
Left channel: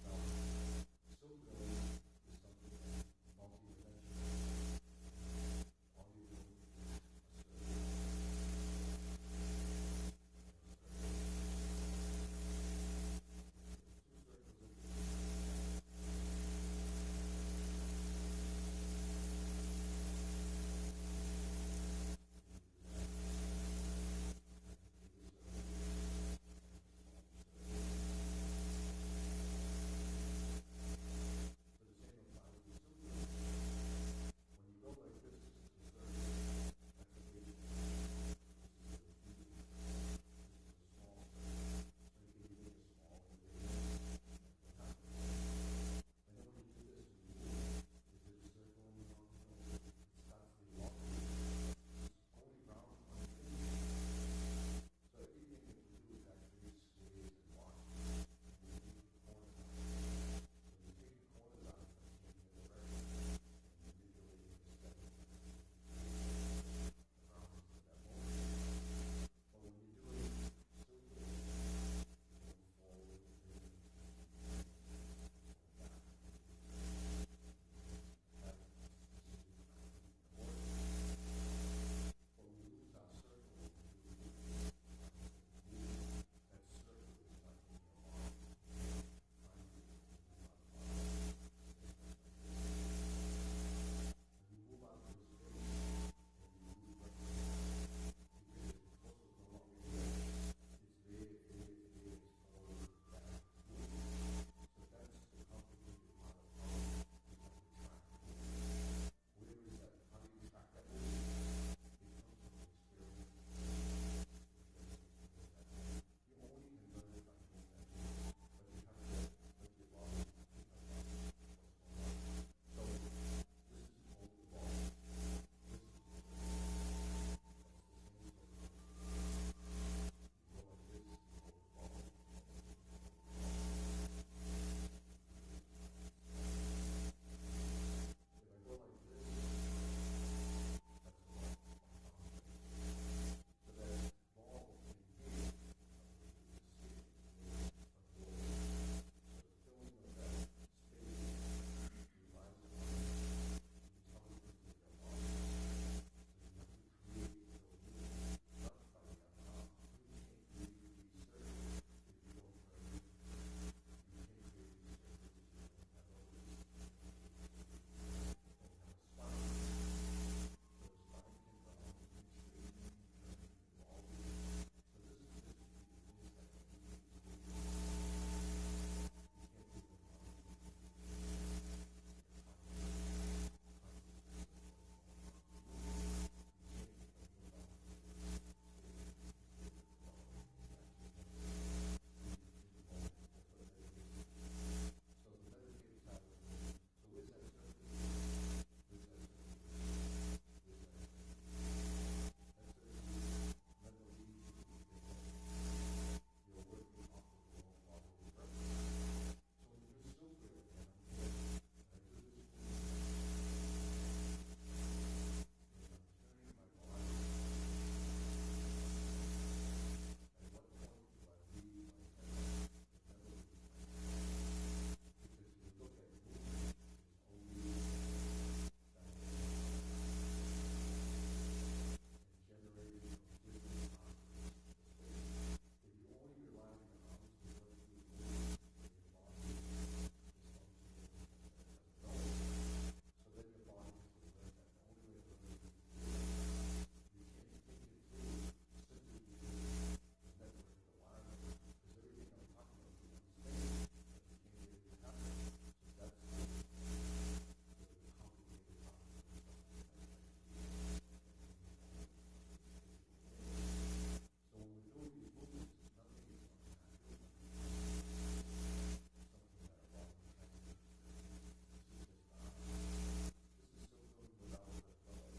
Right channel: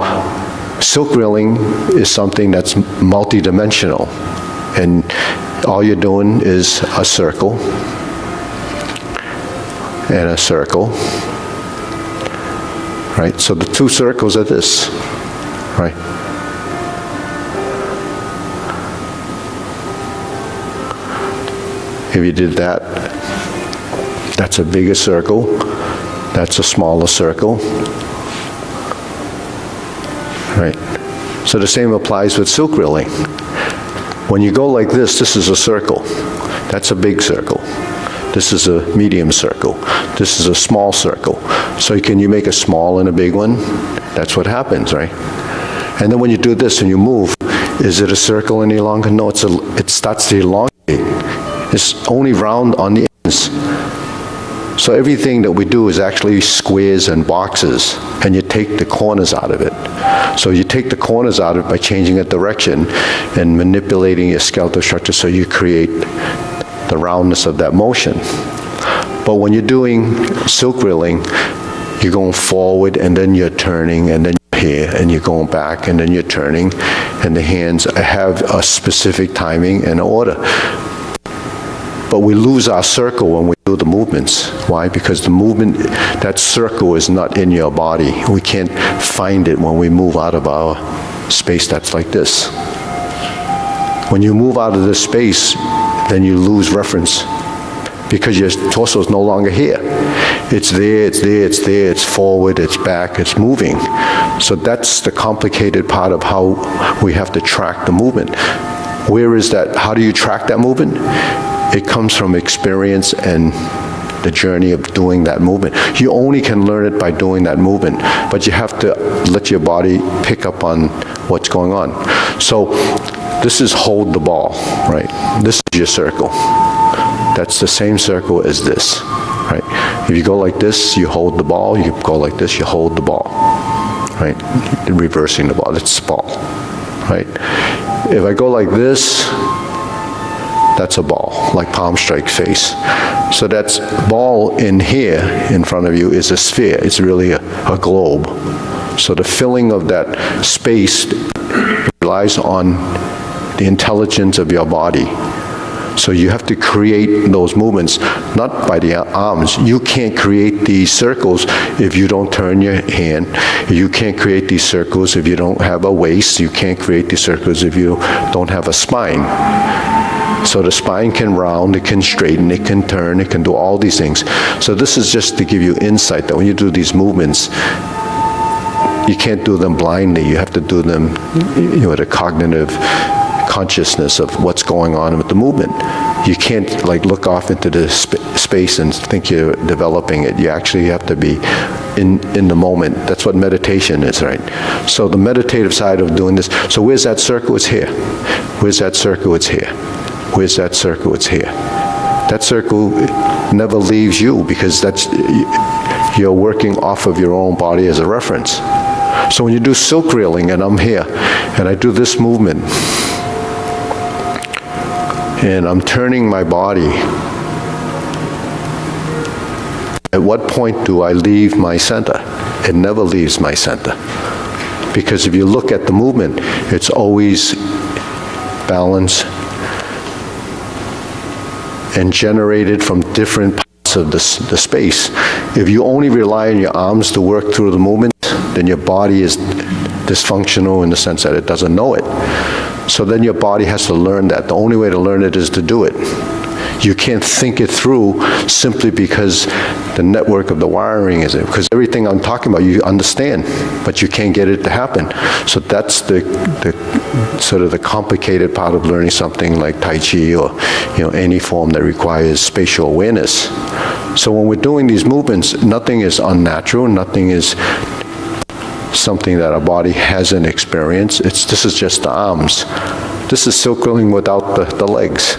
silk reeling is something that's multidimensional, and all you're doing is a circle and a circle, right? So the two circles are this, right? If you did that, that's a bigger circle, that's a smaller circle, right? So the same applies with silk reeling. When you go like this is a circle. That's a big circle. This is a medium circle. This is a small circle. So can you make a small and a big one? That's what happens, right? And then when you do this and you move, is it a circle any longer? No, it starts to elongate. It's only round on the ends. So everything that we do is actually squares and boxes, and you take the corners out of it. So you take the corners out of it by changing a direction and manipulating your skeletal structure so you create the roundness of that motion. But when you're doing silk reeling, you're going forward, and then you're turning, and then you're here, and you're going back, and then you're turning, and the hands have a specific timing and order. But we lose our circle when we do the movements. Why? Because the movement, that circle is not in your body. We can't find it when we move out of our space that's like this. When you move out of this space, then you lose reference because your torso is no longer here. It's there, it's there, it's there, it's forward, it's back, it's moving. So that's the complicated part of how we have to track the movement. Where is that? How do you track that movement? It comes from experience and the journey of doing that movement. You only can learn it by doing that movement, but you have to let your body pick up on what's going on. So this is hold the ball, right? This is your circle. That's the same circle as this, right? If you go like this, you hold the ball. You go like this, you hold the ball, right? Reversing the ball, that's the ball, right? If I go like this, that's a ball, like palm strike face. So that's ball in here in front of you is a sphere. It's really a globe. So the filling of that space relies on the intelligence of your body. So you have to create those movements, not by the arms. You can't create these circles if you don't turn your hand. You can't create these circles if you don't have a waist. You can't create these circles if you don't have a spine. So the spine can round, it can straighten, it can turn, it can do all these things. So this is just to give you insight that when you do these movements, you can't do them blindly. You have to do them with a cognitive consciousness of what's going on with the movement. You can't like look off into the space and think you're developing it. You actually have to be in the moment. That's what meditation is, right? So the meditative side of doing this, so where's that circle? It's here. Where's that circle? It's here. Where's that circle? It's here. That circle never leaves you because you're working off of your own body as a reference. So when you do silk reeling and I'm here and I do this movement and I'm turning my body, at what point do I leave my center? It never leaves my center. Because if you look at the movement, it's always balanced and generated from different parts of the space. If you only rely on your arms to work through the movement, then your body is dysfunctional in the sense that it doesn't know it. So then your body has to learn that. The only way to learn it is to do it. You can't think it through simply because the network of the wiring is it. Because everything I'm talking about, you understand, but you can't get it to happen. So that's the sort of the complicated part of learning something like Tai Chi or any form that requires spatial awareness. So when we're doing these movements, nothing is unnatural, nothing is something that our body hasn't experienced. This is just the arms. This is silk drilling without the legs.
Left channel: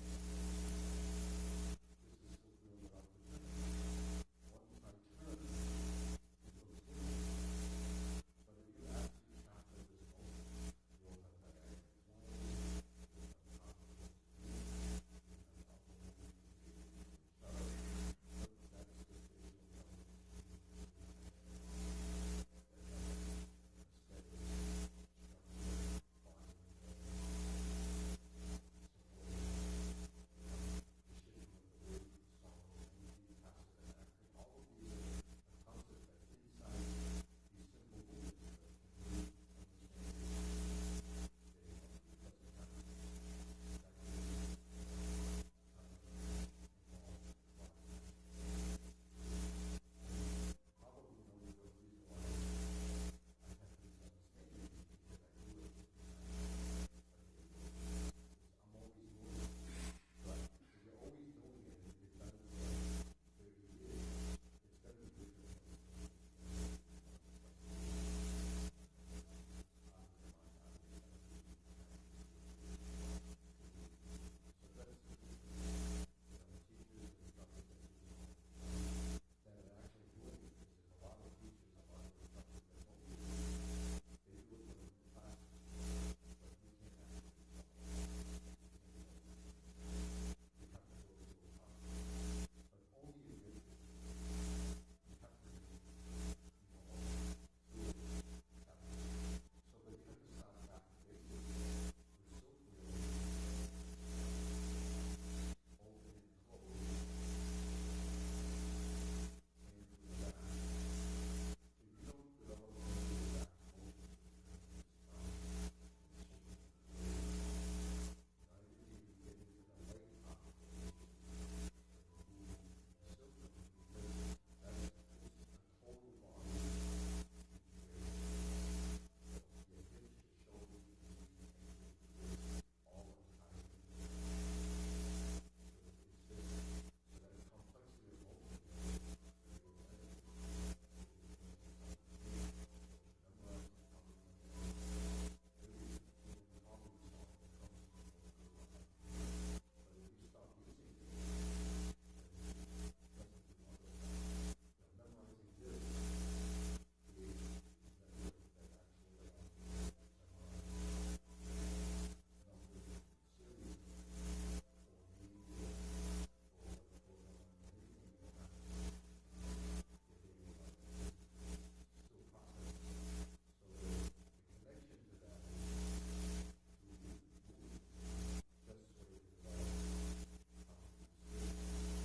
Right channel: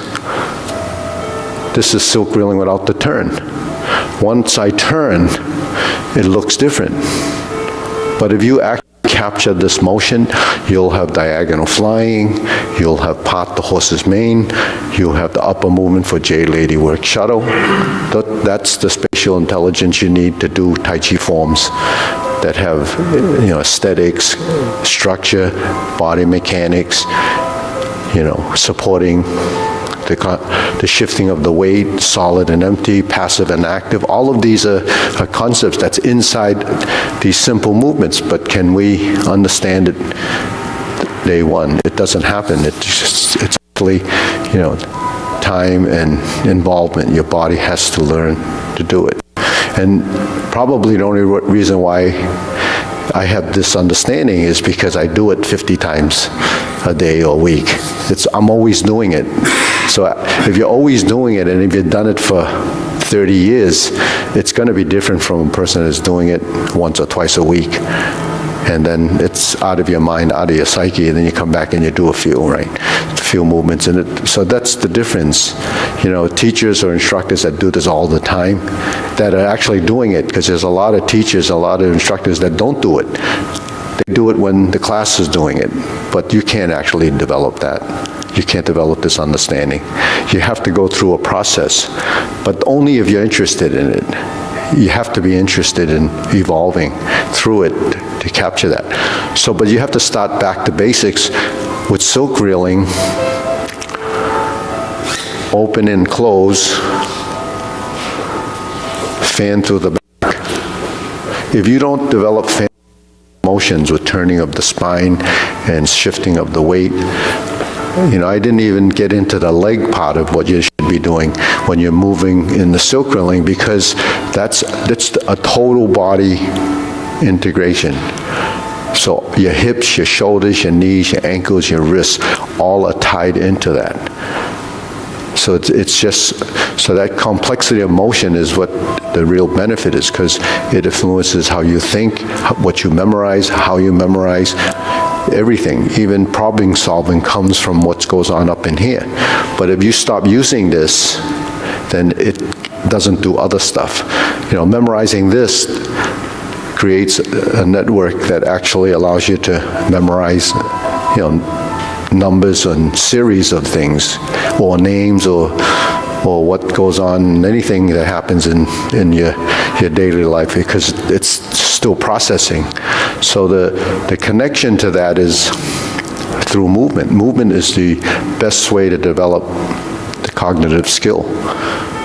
This is silk drilling without the turn. Once I turn, it looks different. But if you actually capture this motion, you'll have diagonal flying, you'll have part the horse's mane, you'll have the upper movement for J lady work shuttle. That's the spatial intelligence you need to do Tai Chi forms that have, aesthetics, structure, body mechanics, supporting the shifting of the weight, solid and empty, passive and active. All of these are concepts that's inside these simple movements, but can we understand it day one? It doesn't happen. It's actually, time and involvement. Your body has to learn to do it. And probably the only reason why I have this understanding is because I do it 50 times a day or a week. I'm always doing it. So if you're always doing it, and if you've done it for 30 years, it's going to be different from a person that's doing it once or twice a week. And then it's out of your mind, out of your psyche, and then you come back and you do a few movements. And so that's the difference. Teachers or instructors that do this all the time, that are actually doing it, because there's a lot of teachers, a lot of instructors that don't do it. They do it when the class is doing it, but you can't actually develop that. You can't develop this understanding. You have to go through a process, but only if you're interested in it. You have to be interested in evolving through it to capture that. So, but you have to start back to basics with silk reeling, open and close, fan through the back. If you don't develop fan motions with turning of the spine and shifting of the weight, I didn't even get into the leg part of what you should be doing when you're moving in the silk drilling, because that's a total body integration. So your hips, your shoulders, your knees, your ankles, your wrists, all are tied into that. So it's just, so that complexity of motion is what the real benefit is, because it influences how you think, what you memorize, how you memorize. Everything, even problem solving, comes from what goes on up in here. But if you stop using this, then it doesn't do other stuff. Memorizing this creates a network that actually allows you to memorize, numbers and series of things, or names, or what goes on, anything that happens in your daily life, because it's still processing. So the connection to that is through movement. Movement is the best way to develop the cognitive skill.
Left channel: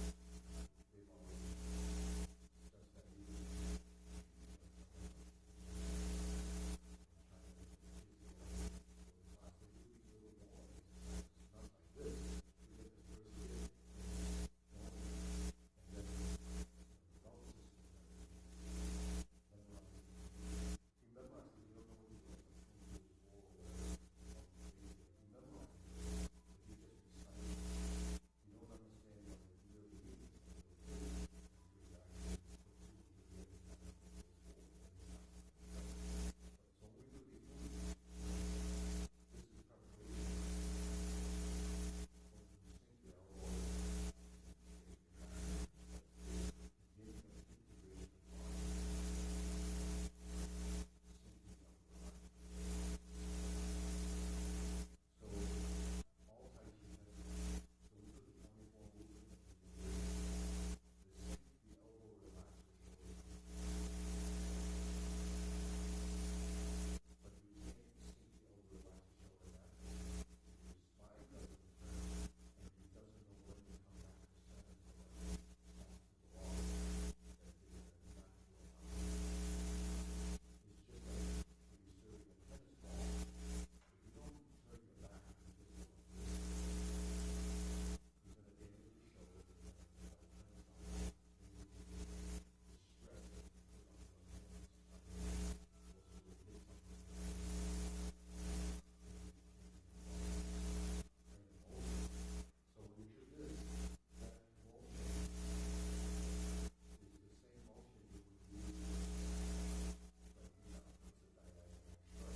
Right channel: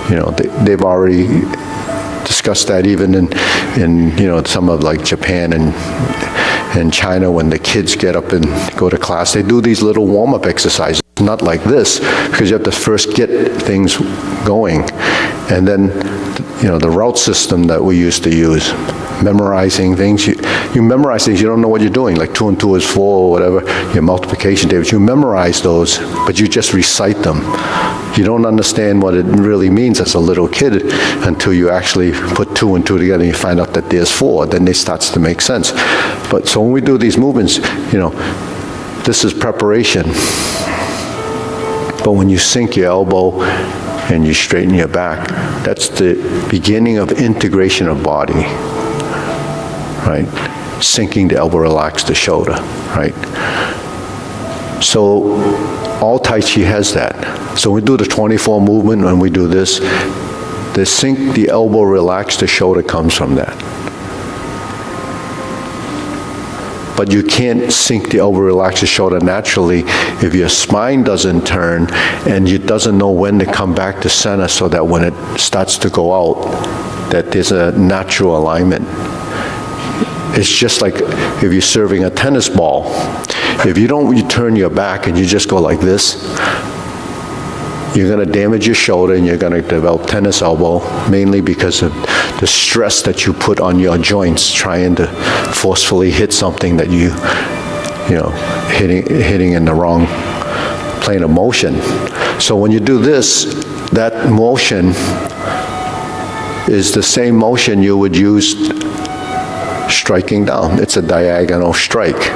They've already discussed that even in some of like Japan and China, when the kids get up and go to class, they do these little warm-up exercises. Not like this, because you have to first get things going. And then, the route system that we used to use, memorizing things. You memorize things, you don't know what you're doing, like 2 and 2 is 4 or whatever, your multiplication tables. You memorize those, but you just recite them. You don't understand what it really means as a little kid until you actually put 2 and 2 together and you find out that there's 4. Then it starts to make sense. But so when we do these movements, this is preparation. But when you sink your elbow and you straighten your back, that's the beginning of integration of body, right? Sinking the elbow, relax the shoulder, right? So all Tai Chi has that. So we do the 24 movement, when we do this, the sink the elbow, relax the shoulder comes from that. But you can't sink the elbow, relax the shoulder naturally if your spine doesn't turn and you doesn't know when to come back to center, so that when it starts to go out, that there's a natural alignment. It's just like if you're serving a tennis ball. If you turn your back and you just go like this, you're going to damage your shoulder and you're going to develop tennis elbow, mainly because of the stress that you put on your joints trying to forcefully hit something that hitting in the wrong plane of motion. So when you do this, that motion is the same motion you would use striking down. It's a diagonal strike.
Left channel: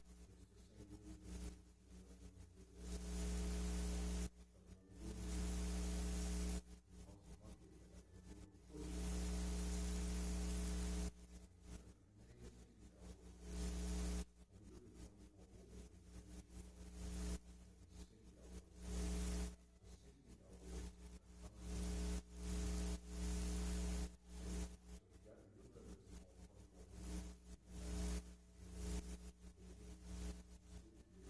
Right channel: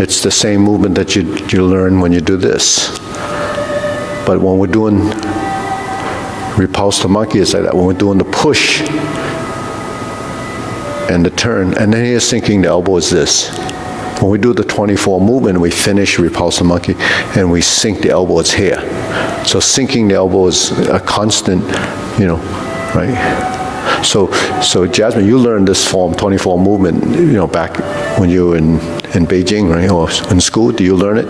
It's the same movement that you learn when you do this. But when we're doing repulse to monkey, it's like that. When we're doing the push and the turn, and then here sinking the elbow is this. When we do the 24 movement, we finish repulse to monkey, and we sink the elbow, it's here. So sinking the elbow is a constant, right? So Jasmine, you learned this form, 24 movement, back when you were in Beijing, right, or in school. Do you learn it?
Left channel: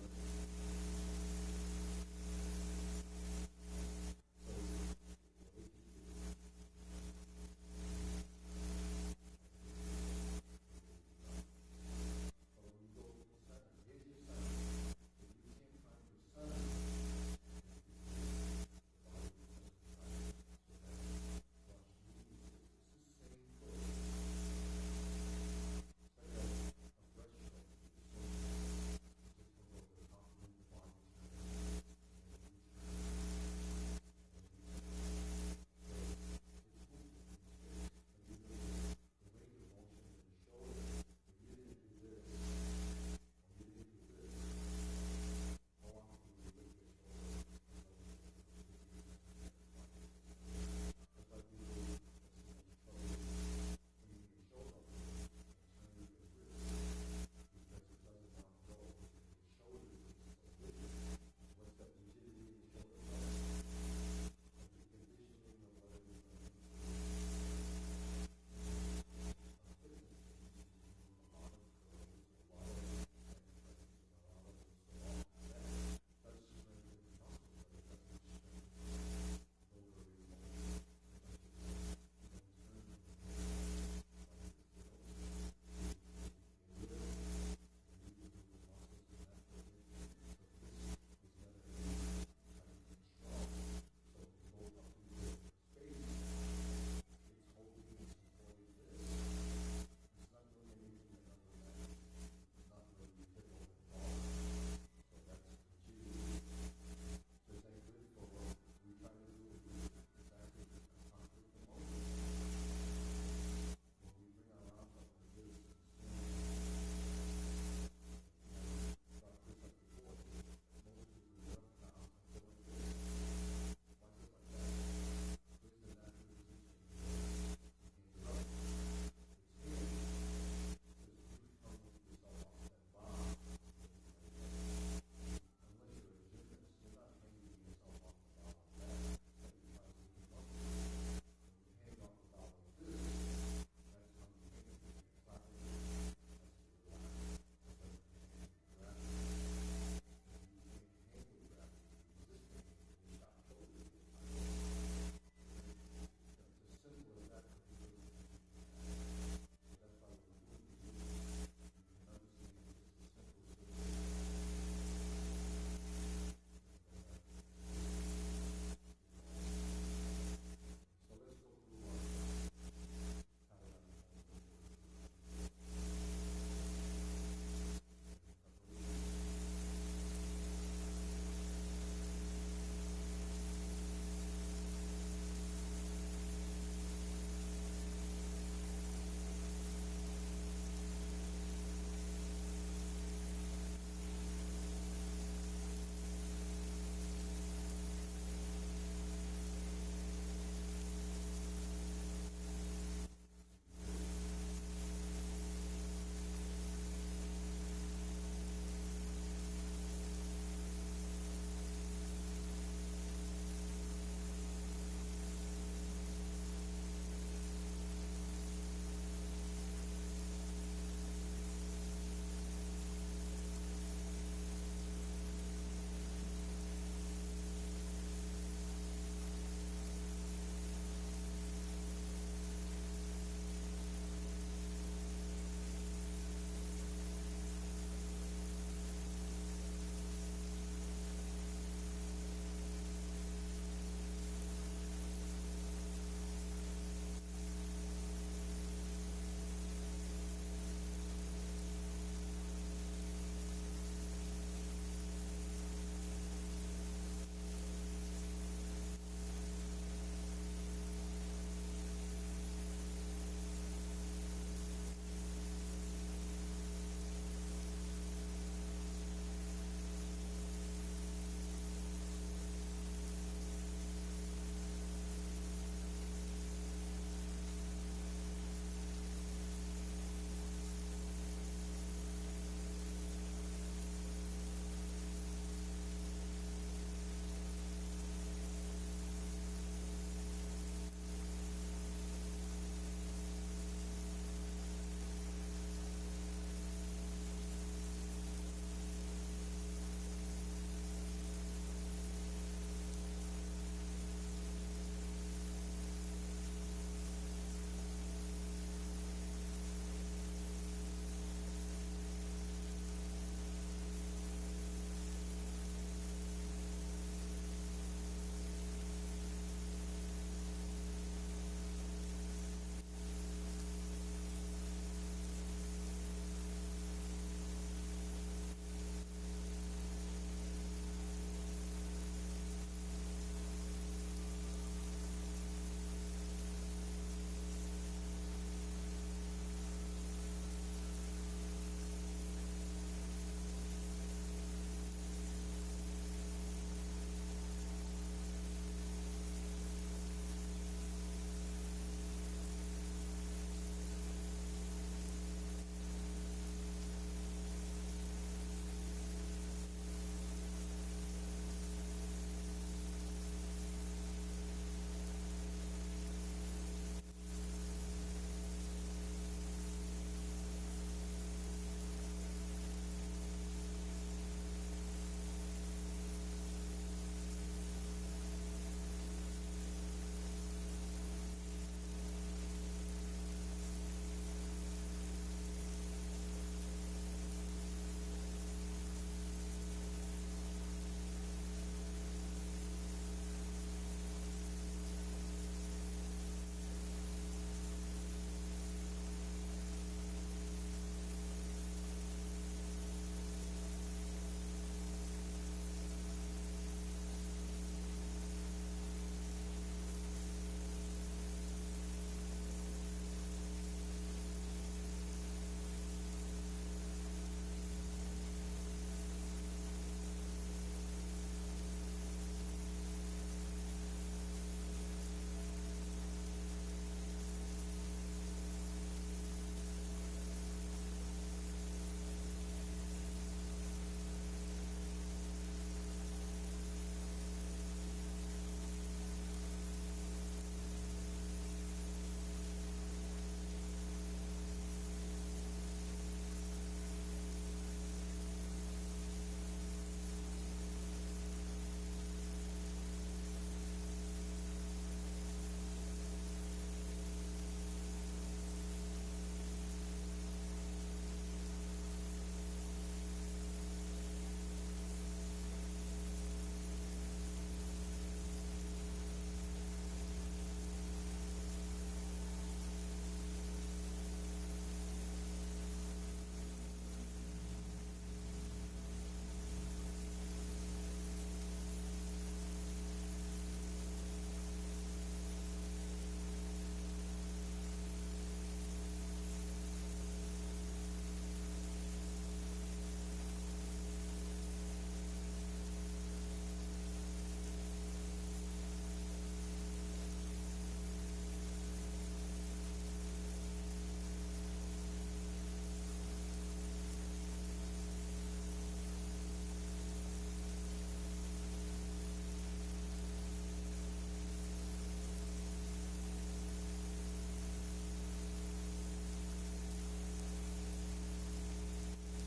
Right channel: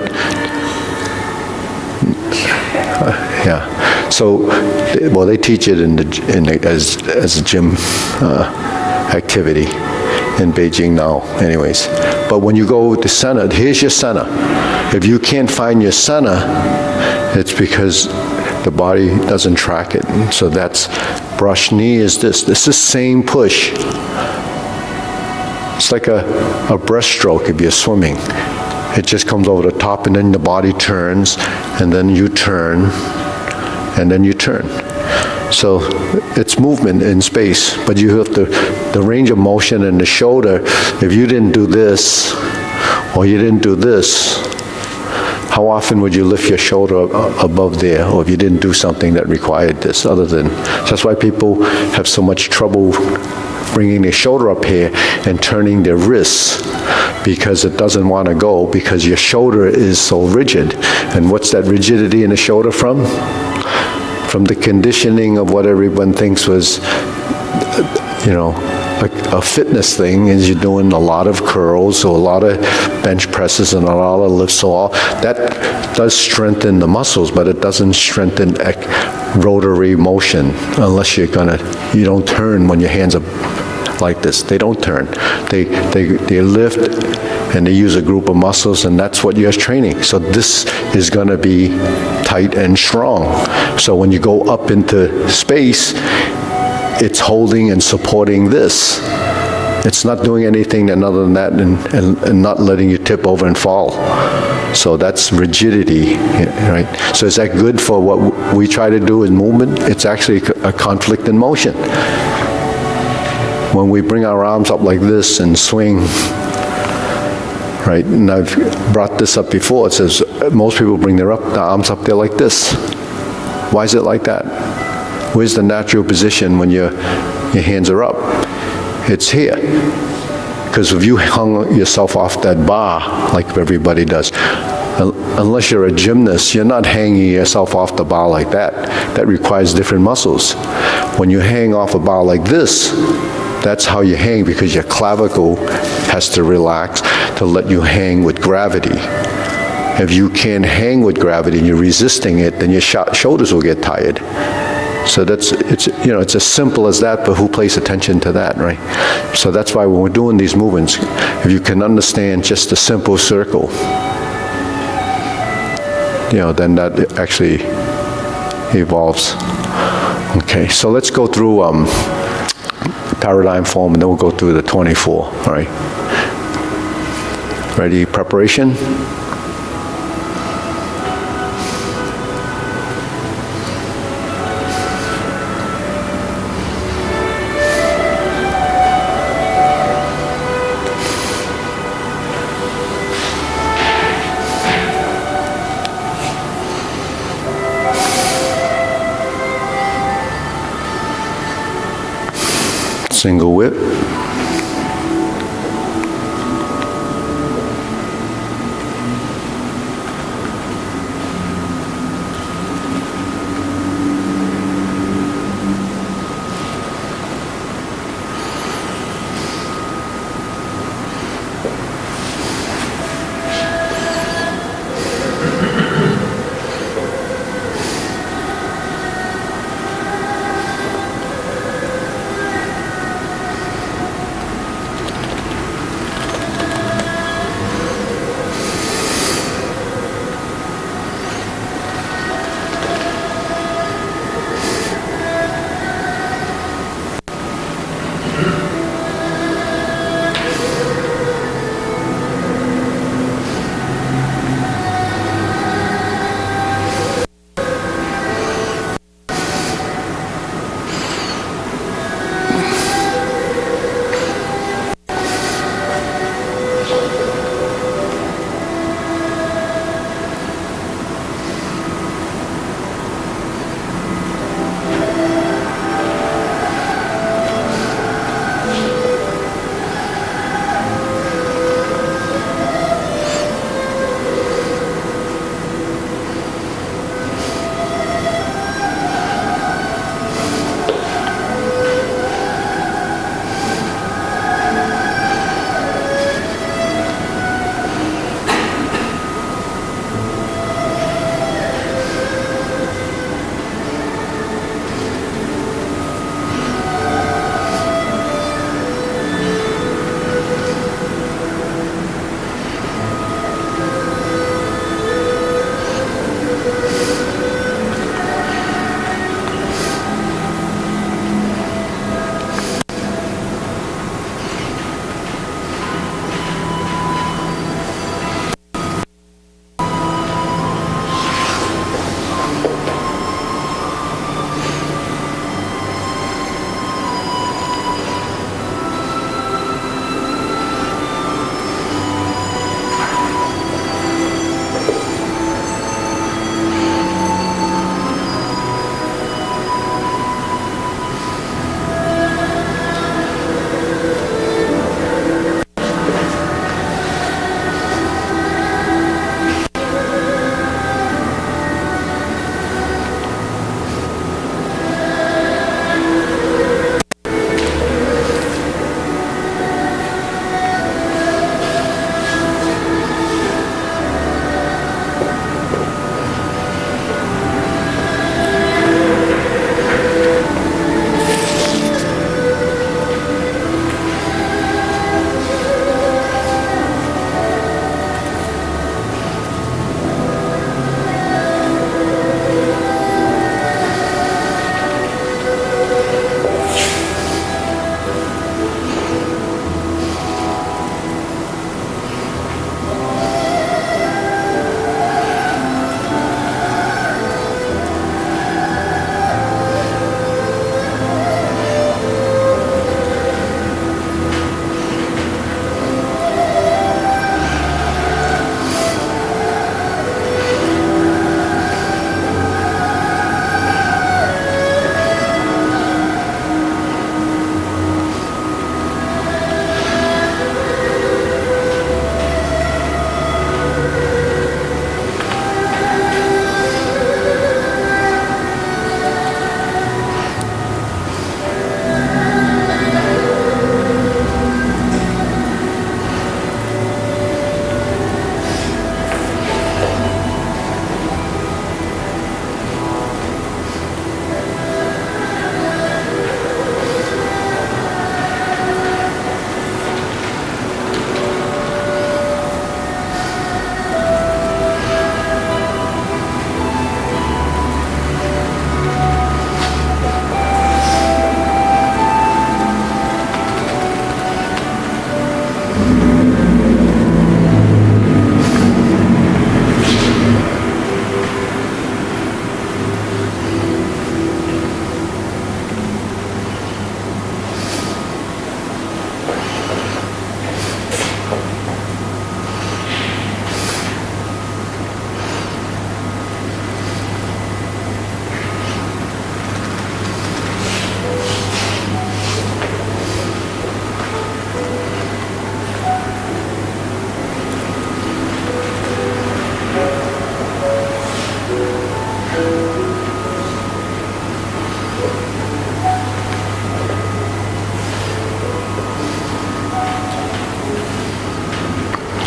Yeah. So, well, they teach it as a gym activity in Beijing now, anyways. But when you go to center, here's your center. If you can't find your center, it's because the body doesn't track it. So that's brush knee is this. This is same push. It's like a breaststroke if you're swimming. It just comes over the top, and then the body turns, and then you turn, and then you turn. So it's movement in space, but you have the range of motion in the shoulder. If you didn't do this, or you didn't do this, how often would you lift your shoulder above there, or if you didn't do something that required this other than, so that's why people have so much trouble bringing their shoulder up here and turning their wrists, because it doesn't want to go, because your shoulder is so rigid. And what's that rigidity in the shoulder from? From the conditioning of what everyone thinks was, a fitness thing, is you're doing a lot of curls or a lot of bench presses and a lot of lifts. So all that does strengthen the muscles, but it doesn't strengthen rotary motion unless you don't turn when your hands are like this. They don't turn. They lift and they use a group of muscles, and that's what you're training. So this is going to be tight and strong. So when you go up into space, it's holding and supporting this. It's not doing anything other than that, and not letting you tip over and fall. So that's rigidity, right? So is that good for what we try to do in movement? It's actually a conflict in motion. When we bring our arms up like this and swing, right? And I've brought this up before. It says most people bring their arms up there like this. Why is it like that? Where's the natural position when your hands are up? It's here. Because if you hung yourself off that bar, like everybody does, unless you're a gymnast, you're not hanging yourself off the bar like that. That requires different muscles. When you hang off a bar like this, that's how you hang, because your clavicle has to relax to let you hang with gravity. If you can't hang with gravity and you're resisting it, then your shoulders will get tired. So it's as simple as that, but who pays attention to that, right? So that's why when we're doing these movements, if you can understand just a simple circle, then that actually evolves. Okay, so let's go through paradigm form, and then we'll go through the 24, all right? Ready, preparation? Single whip.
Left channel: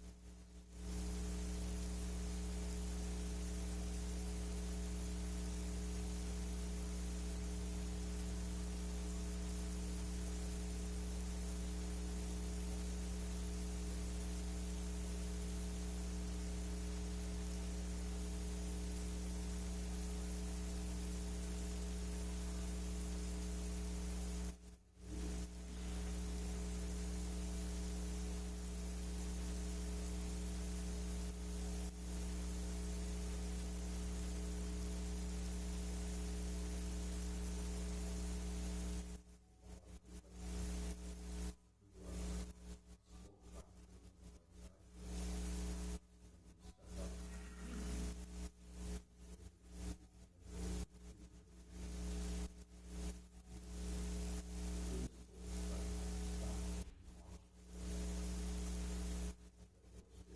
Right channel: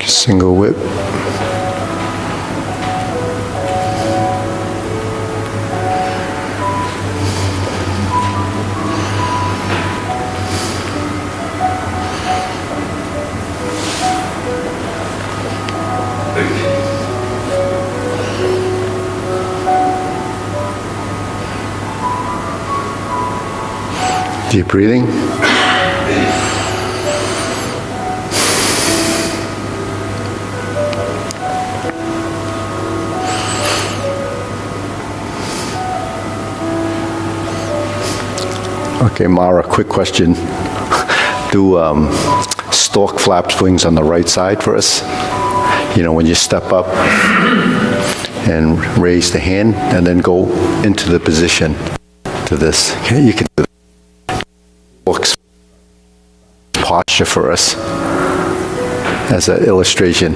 Single whip. Deep breathing. Okay, Mara, quick question. Do stork flaps wings on the right side for us? You know, when you step up and raise the hand and then go into the position to this. Okay, you can do stork's posture for us as an illustration.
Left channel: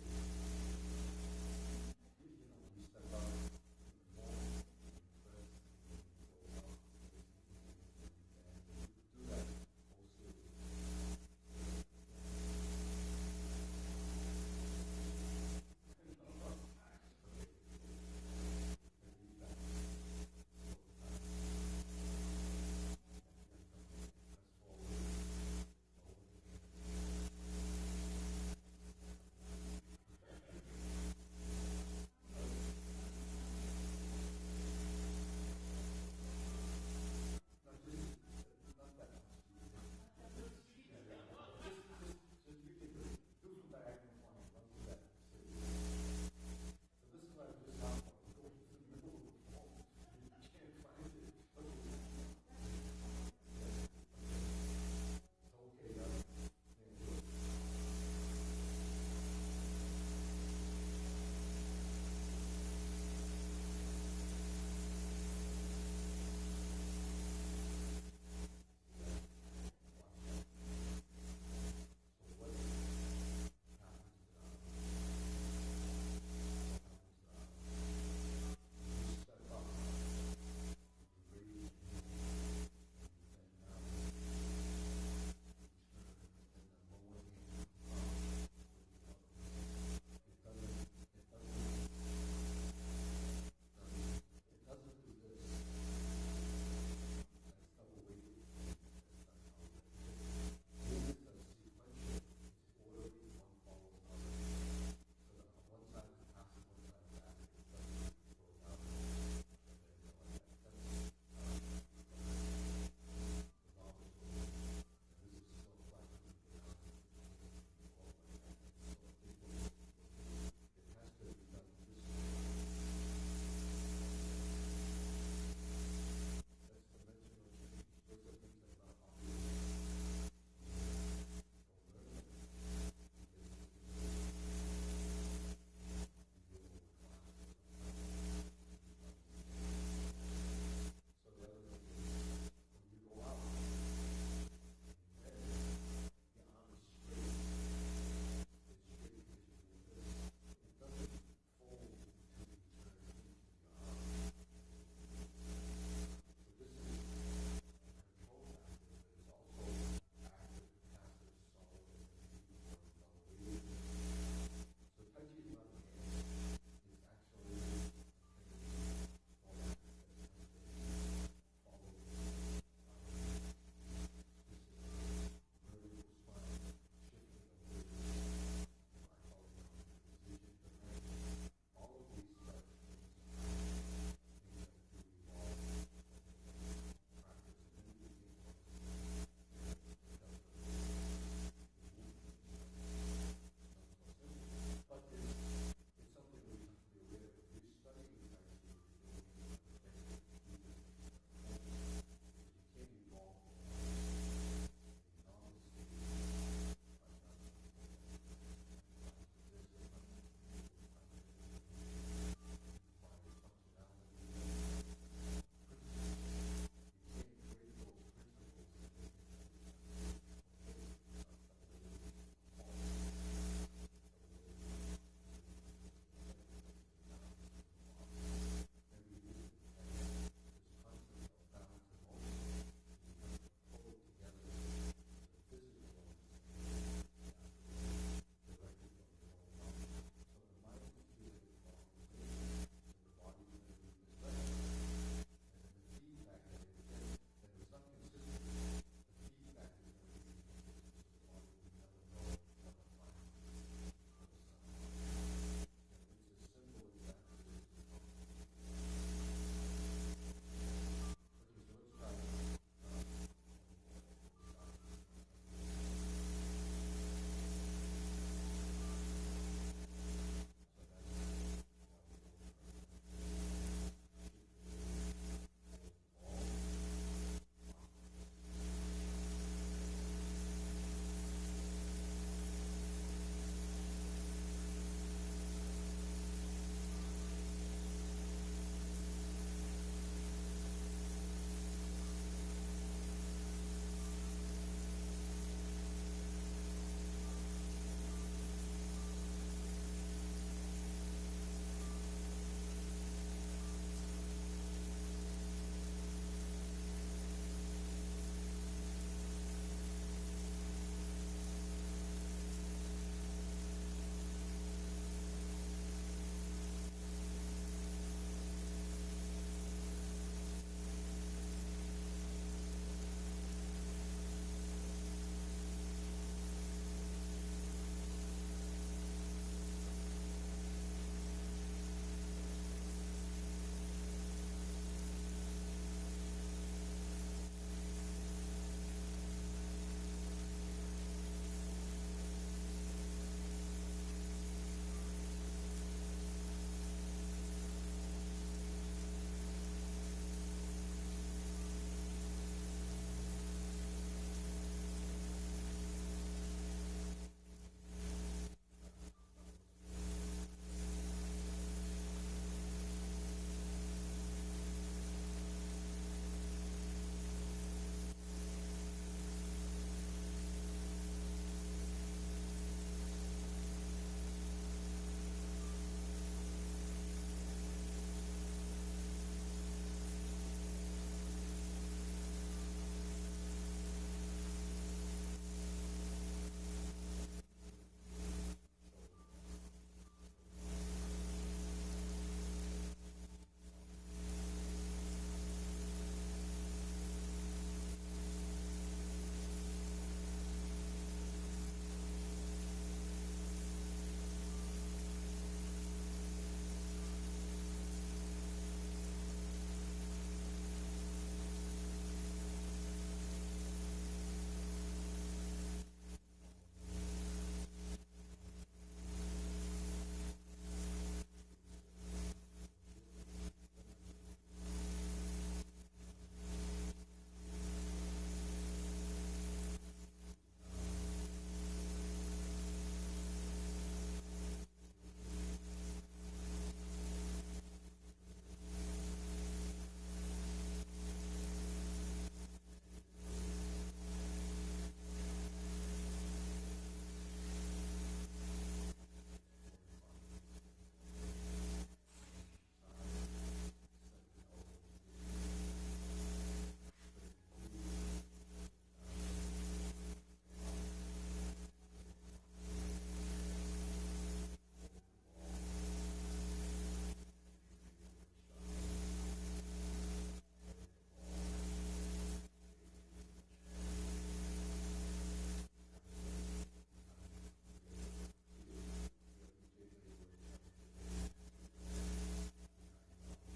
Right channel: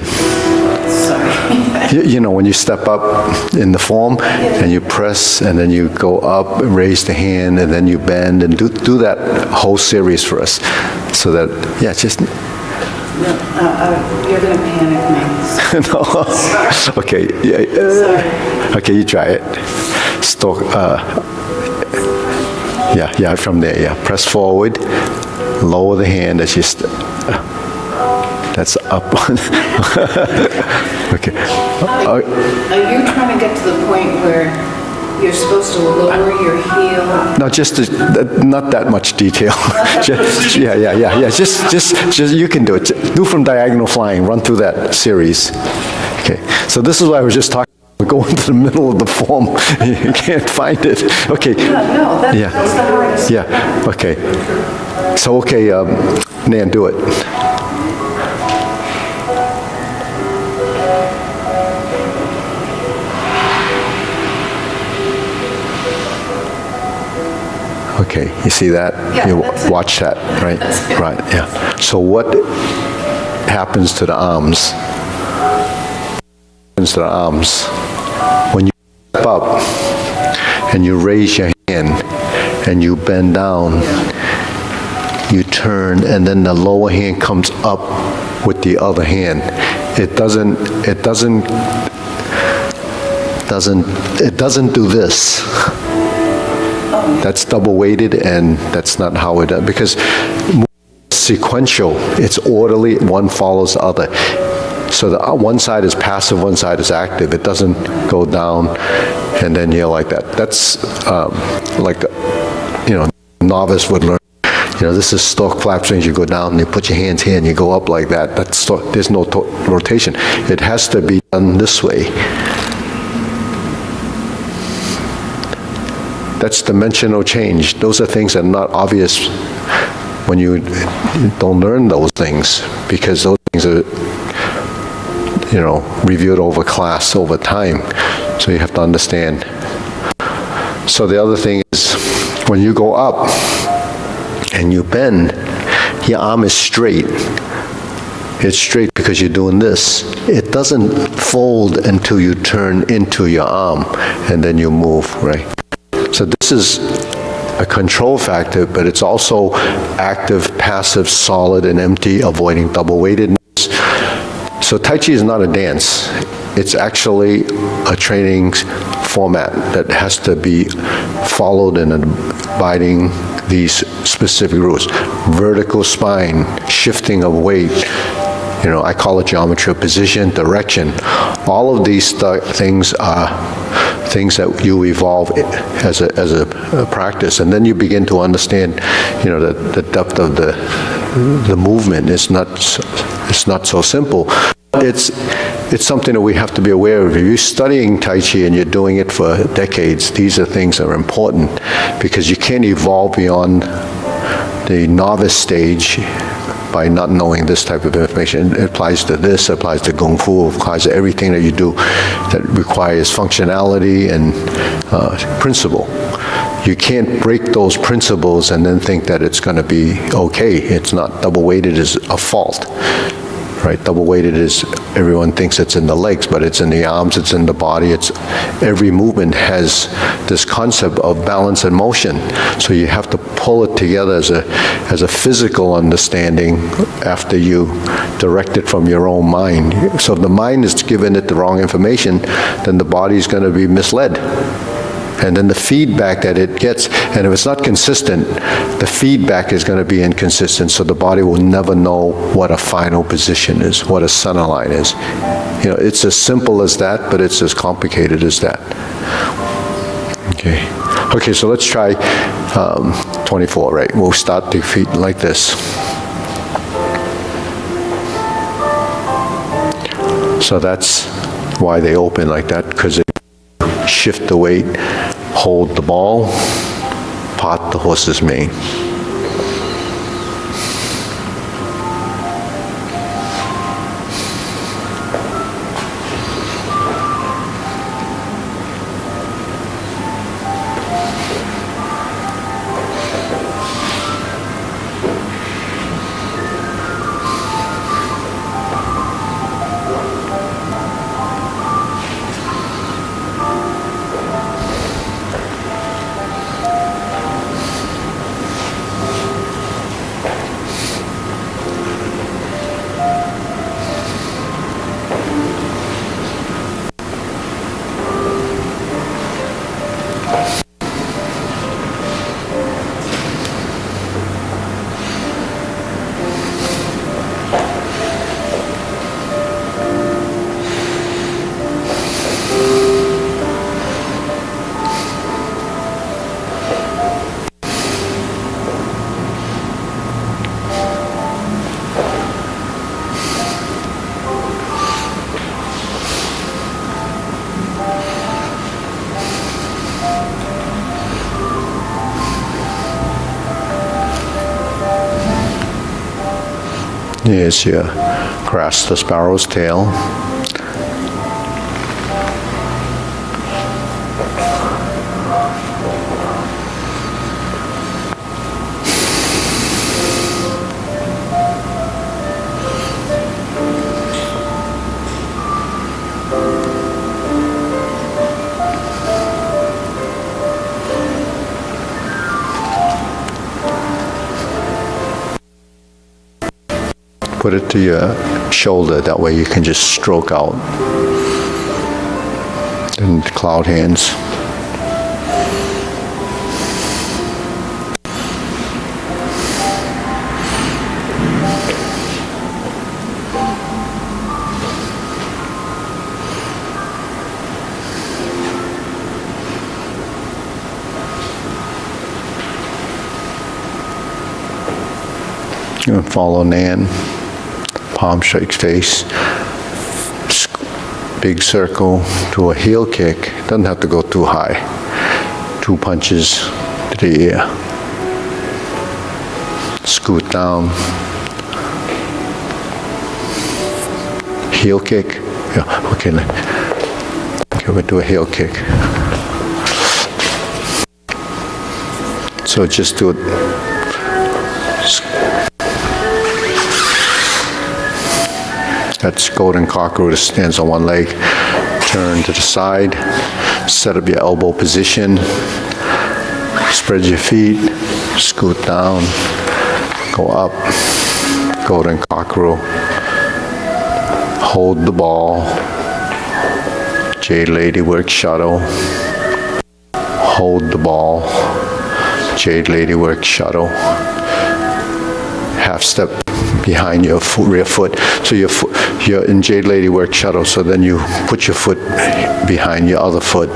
You know, when you step up in the form and you press and then you go up and raise the hand and then you bend and do that whole series for us so that, yeah, just... You're going to panic me. No. Okay. Yeah, okay, you try it. Stork, yeah, from there, yeah. Press forward, lower the hand as you... That's up. Okay. Are you trying to get to the point where you're supposed to lower your heel? No, just not that much detail. Yeah. Just you can do it. Do from diagonal flying. Run through that series. Okay. So this is what I was just talking about. Go into the middle of the form. You can't find it. Okay. No, that's the hardest. Yeah. Okay. So okay, Nan, do it. Okay, you see that? Yeah, You that's it. watch that, right? Right, yeah. So what happens to the arms? Happens to the arms when you step up and you raise your hand and you bend down, you turn, and then the lower hand comes up with the other hand. It doesn't do this. That's double weighted, and that's not how it does, because sequential, it's orderly, one follows the other. So the one side is passive, one side is active. It doesn't go down and then you're like that. That's like, novice would learn. This is stork flaps wings. You go down and you put your hands here and you go up like that. There's no rotation. It has to be done this way. That's dimensional change. Those are things that are not obvious when you don't learn those things, because those things are, reviewed over class, over time. So you have to understand. So the other thing is, when you go up and you bend, your arm is straight. It's straight because you're doing this. It doesn't fold until you turn into your arm, and then you move, right? So this is a control factor, but it's also active, passive, solid, and empty, avoiding double weightedness. So Tai Chi is not a dance. It's actually a training format that has to be followed and abiding these specific rules. Vertical spine, shifting of weight, I call it geometry of position, direction. All of these things are things that you evolve as a practice, and then you begin to understand, the depth of the movement. It's not so simple. It's something that we have to be aware of. If you're studying Tai Chi and you're doing it for decades, these are things that are important, because you can't evolve beyond the novice stage by not knowing this type of information. It applies to this, it applies to Kung Fu, it applies to everything that you do that requires functionality and principle. You can't break those principles and then think that it's going to be okay. It's not. Double-weighted is a fault. Right, double-weighted is, everyone thinks it's in the legs, but it's in the arms, it's in the body. Every movement has this concept of balance and motion. So you have to pull it together as a physical understanding after you direct it from your own mind. So if the mind is giving it the wrong information, then the body is going to be misled. And then the feedback that it gets, and if it's not consistent, the feedback is going to be inconsistent, so the body will never know what a final position is, what a center line is. It's as simple as that, but it's as complicated as that. Okay, so let's try 24, right? We'll start the feet like this. So that's why they open like that, because shift the weight, hold the ball, part the horse's mane. Here's your grasp the sparrow's tail. Put it to your shoulder, that way you can just stroke out. And cloud hands. You follow Nan. Palm strikes face, big circle to a heel kick. Doesn't have to go too high. 2 punches to the ear. Scoot down. Heel kick. Yeah, okay, we'll do a heel kick. So just do it. That's golden cockroach, stands on one leg. Turn to the side, set up your elbow position, spread your feet, scoot down, go up, golden cockroach. Hold the ball, Jade Lady work shuttle. Hold the ball, Jade Lady work shuttle. Half step behind your rear foot. So you're in Jade Lady work shuttle, so then you put your foot behind your other foot,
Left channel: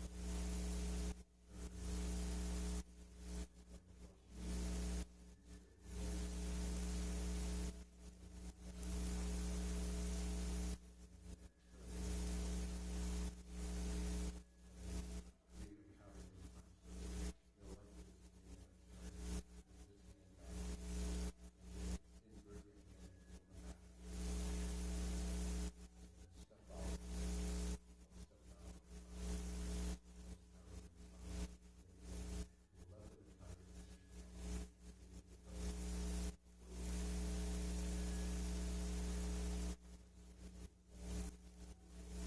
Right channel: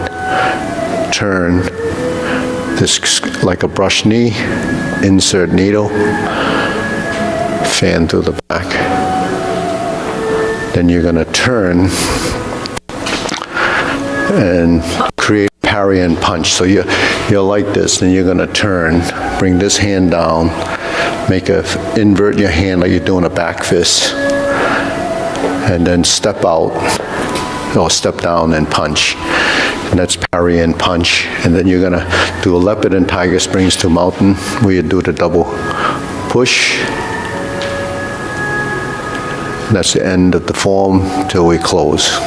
turn this like a brush knee, insert needle, fan through the back. Then you're going to turn and create parry and punch. So you're like this, then you're going to turn, bring this hand down, invert your hand like you're doing a back fist, and then step out, or step down and punch. And that's parry and punch. And then you're gonna do a leopard and tiger springs to mountain, where you do the double push. And that's the end of the form till we close.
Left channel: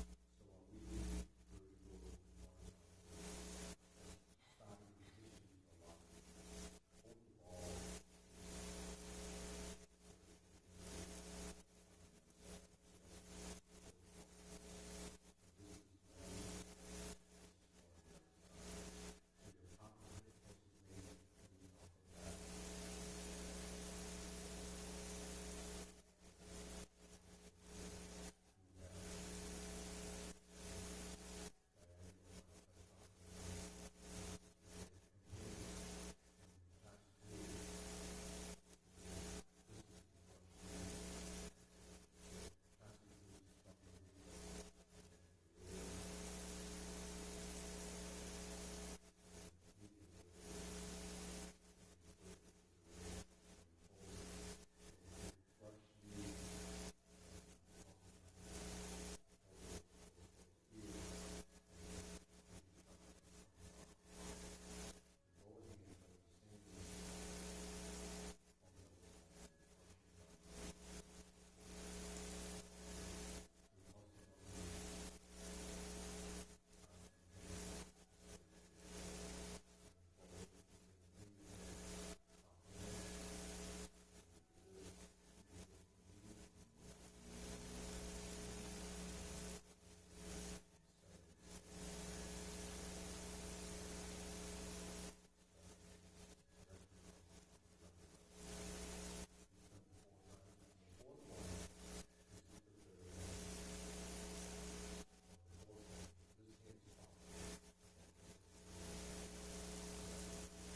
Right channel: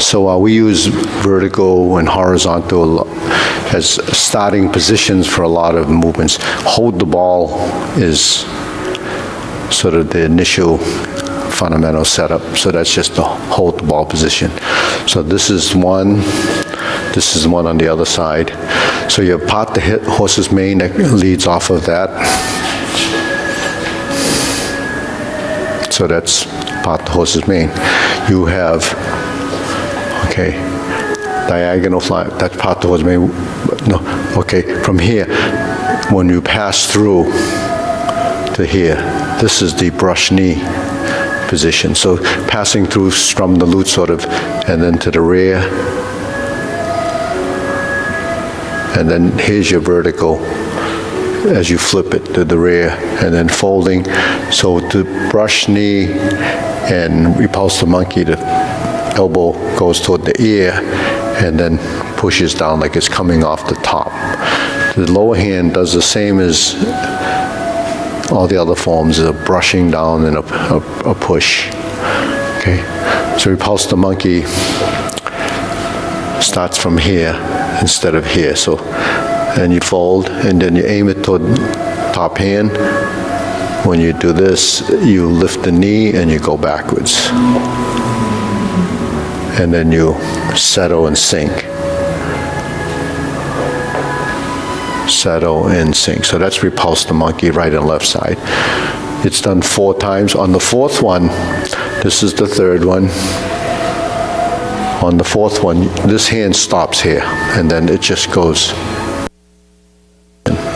So we use vertical and horizontal as starting positions for a lot of movements. Hold the ball is sort of the initial fundamental setup. So that's just the hold the ball position. So this is one on the other side. So you part the horse's mane that leads off of that. So that's part the horse's mane. You have, okay, diagonal fly, that's part the horse's mane. No, okay, from here, when you pass through to here, this is the brush knee position. So passing through, strum the lute sort of, and then to the rear. And then here's your vertical as you flip it to the rear, and then folding. So to brush knee and repulse the monkey, the elbow goes toward the ear and then pushes down like it's coming off the top. The lower hand does the same as all the other forms, a brushing down and a push. Okay, so repulse the monkey starts from here instead of here. So, and you fold, and then you aim it toward top hand. When you do this, you lift the knee and you go backwards. And then you settle and sink. Settle and sink. So that's repulse the monkey, right and left side. It's done 4 times. On the 4th one, this is the 3rd one. On the 4th one, this hand stops here, and then it just goes.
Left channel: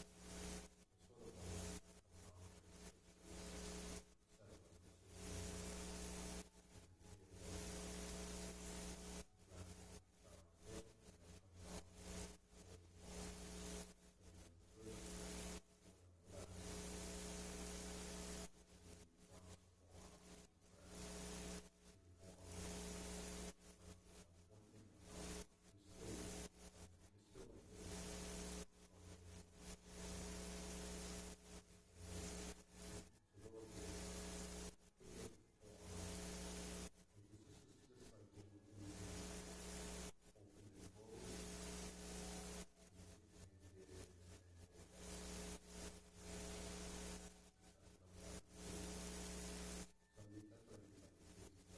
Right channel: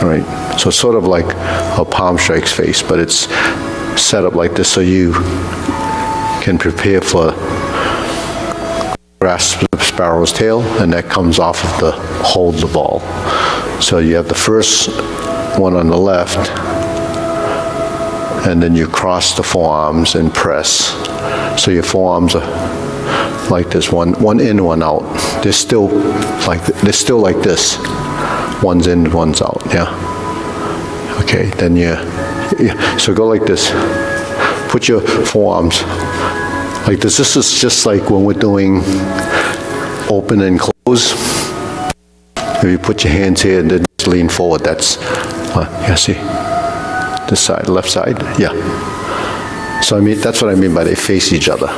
Right? So it's sort of like a palm strikes face, but it's set up like this so you can prepare for grasp the sparrow's tail, and that comes off of the hold the ball. So you have the first one on the left, and then you cross the forearms and press. So your forearms are like this, one in, one out. They're still like this. One's in, one's out, yeah. Okay, then so go like this. Put your forearms like this. This is just like when we're doing open and close. If you put your hands here and then just lean forward, that's, yeah, see? This side, left side, yeah. So I mean, that's what I mean by they face each other.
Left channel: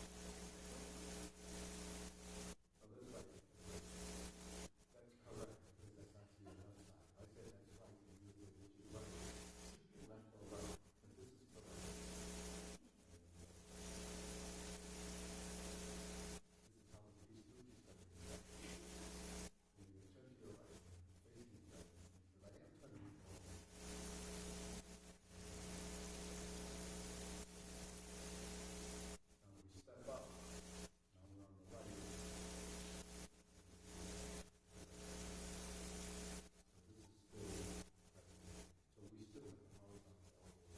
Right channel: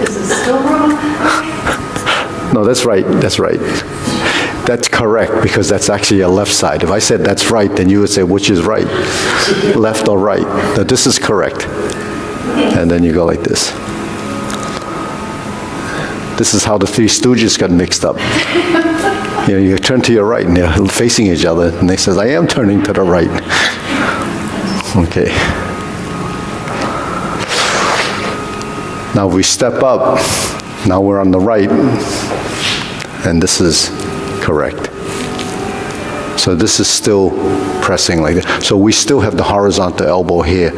Is it still wrong? No, that's right, that's right. That's correct, because that's actually a left side. If I said that's right, then you would say, which is right? Left or right? No, this is correct. And then you go like this. This is how the Three Stooges got mixed up. You know, you turn to your right, and they're facing each other, and they says, I am turning to the right. Okay. Now we step up. Now we're on the right, and this is correct. So this is still pressing like that. So we still have the horizontal elbow here,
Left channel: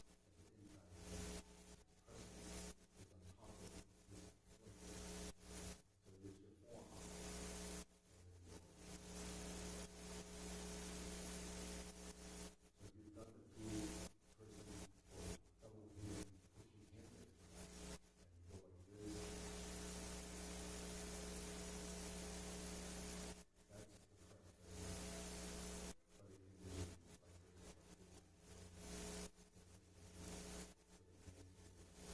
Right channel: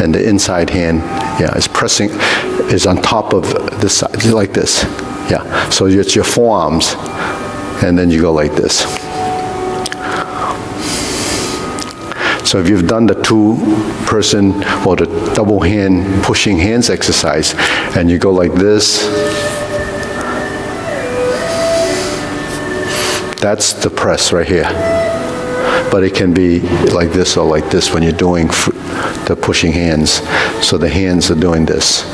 and the inside hand, yeah, is pressing, is on top of this side, like this. Yeah, so it's your forearms, and then you go like this. So if you've done the 2-person or the double hand pushing hands exercise, and you go like this, that's the press right here. But it can be like this or like this when you're doing the pushing hands. So the hands are doing this.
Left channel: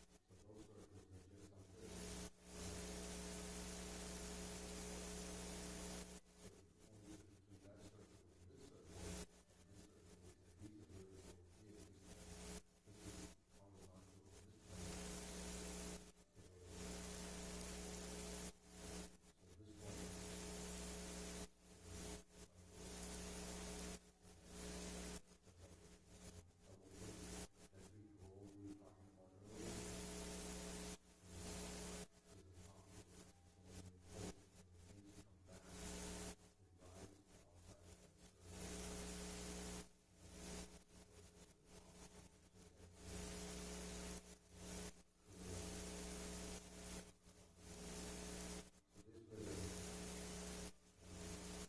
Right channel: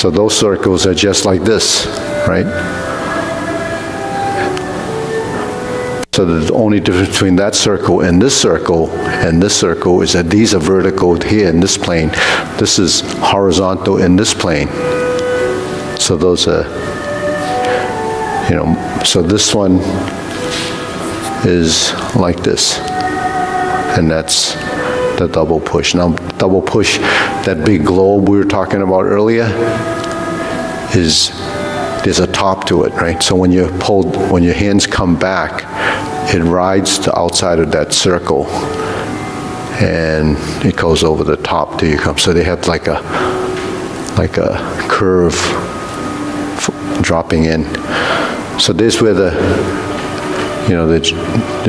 So those circles are just like this, right? So the only difference between that circle and this circle is that these are vertical here in this plane. This is horizontal in this plane. So those are, so this one is like this. And that's the double push. Now, double push, that big globe we were talking about earlier, there's a top to it, right? So when your hands come back, it rides the outside of that circle, and it goes over the top till you come. So they have like a curve dropping in. So this where the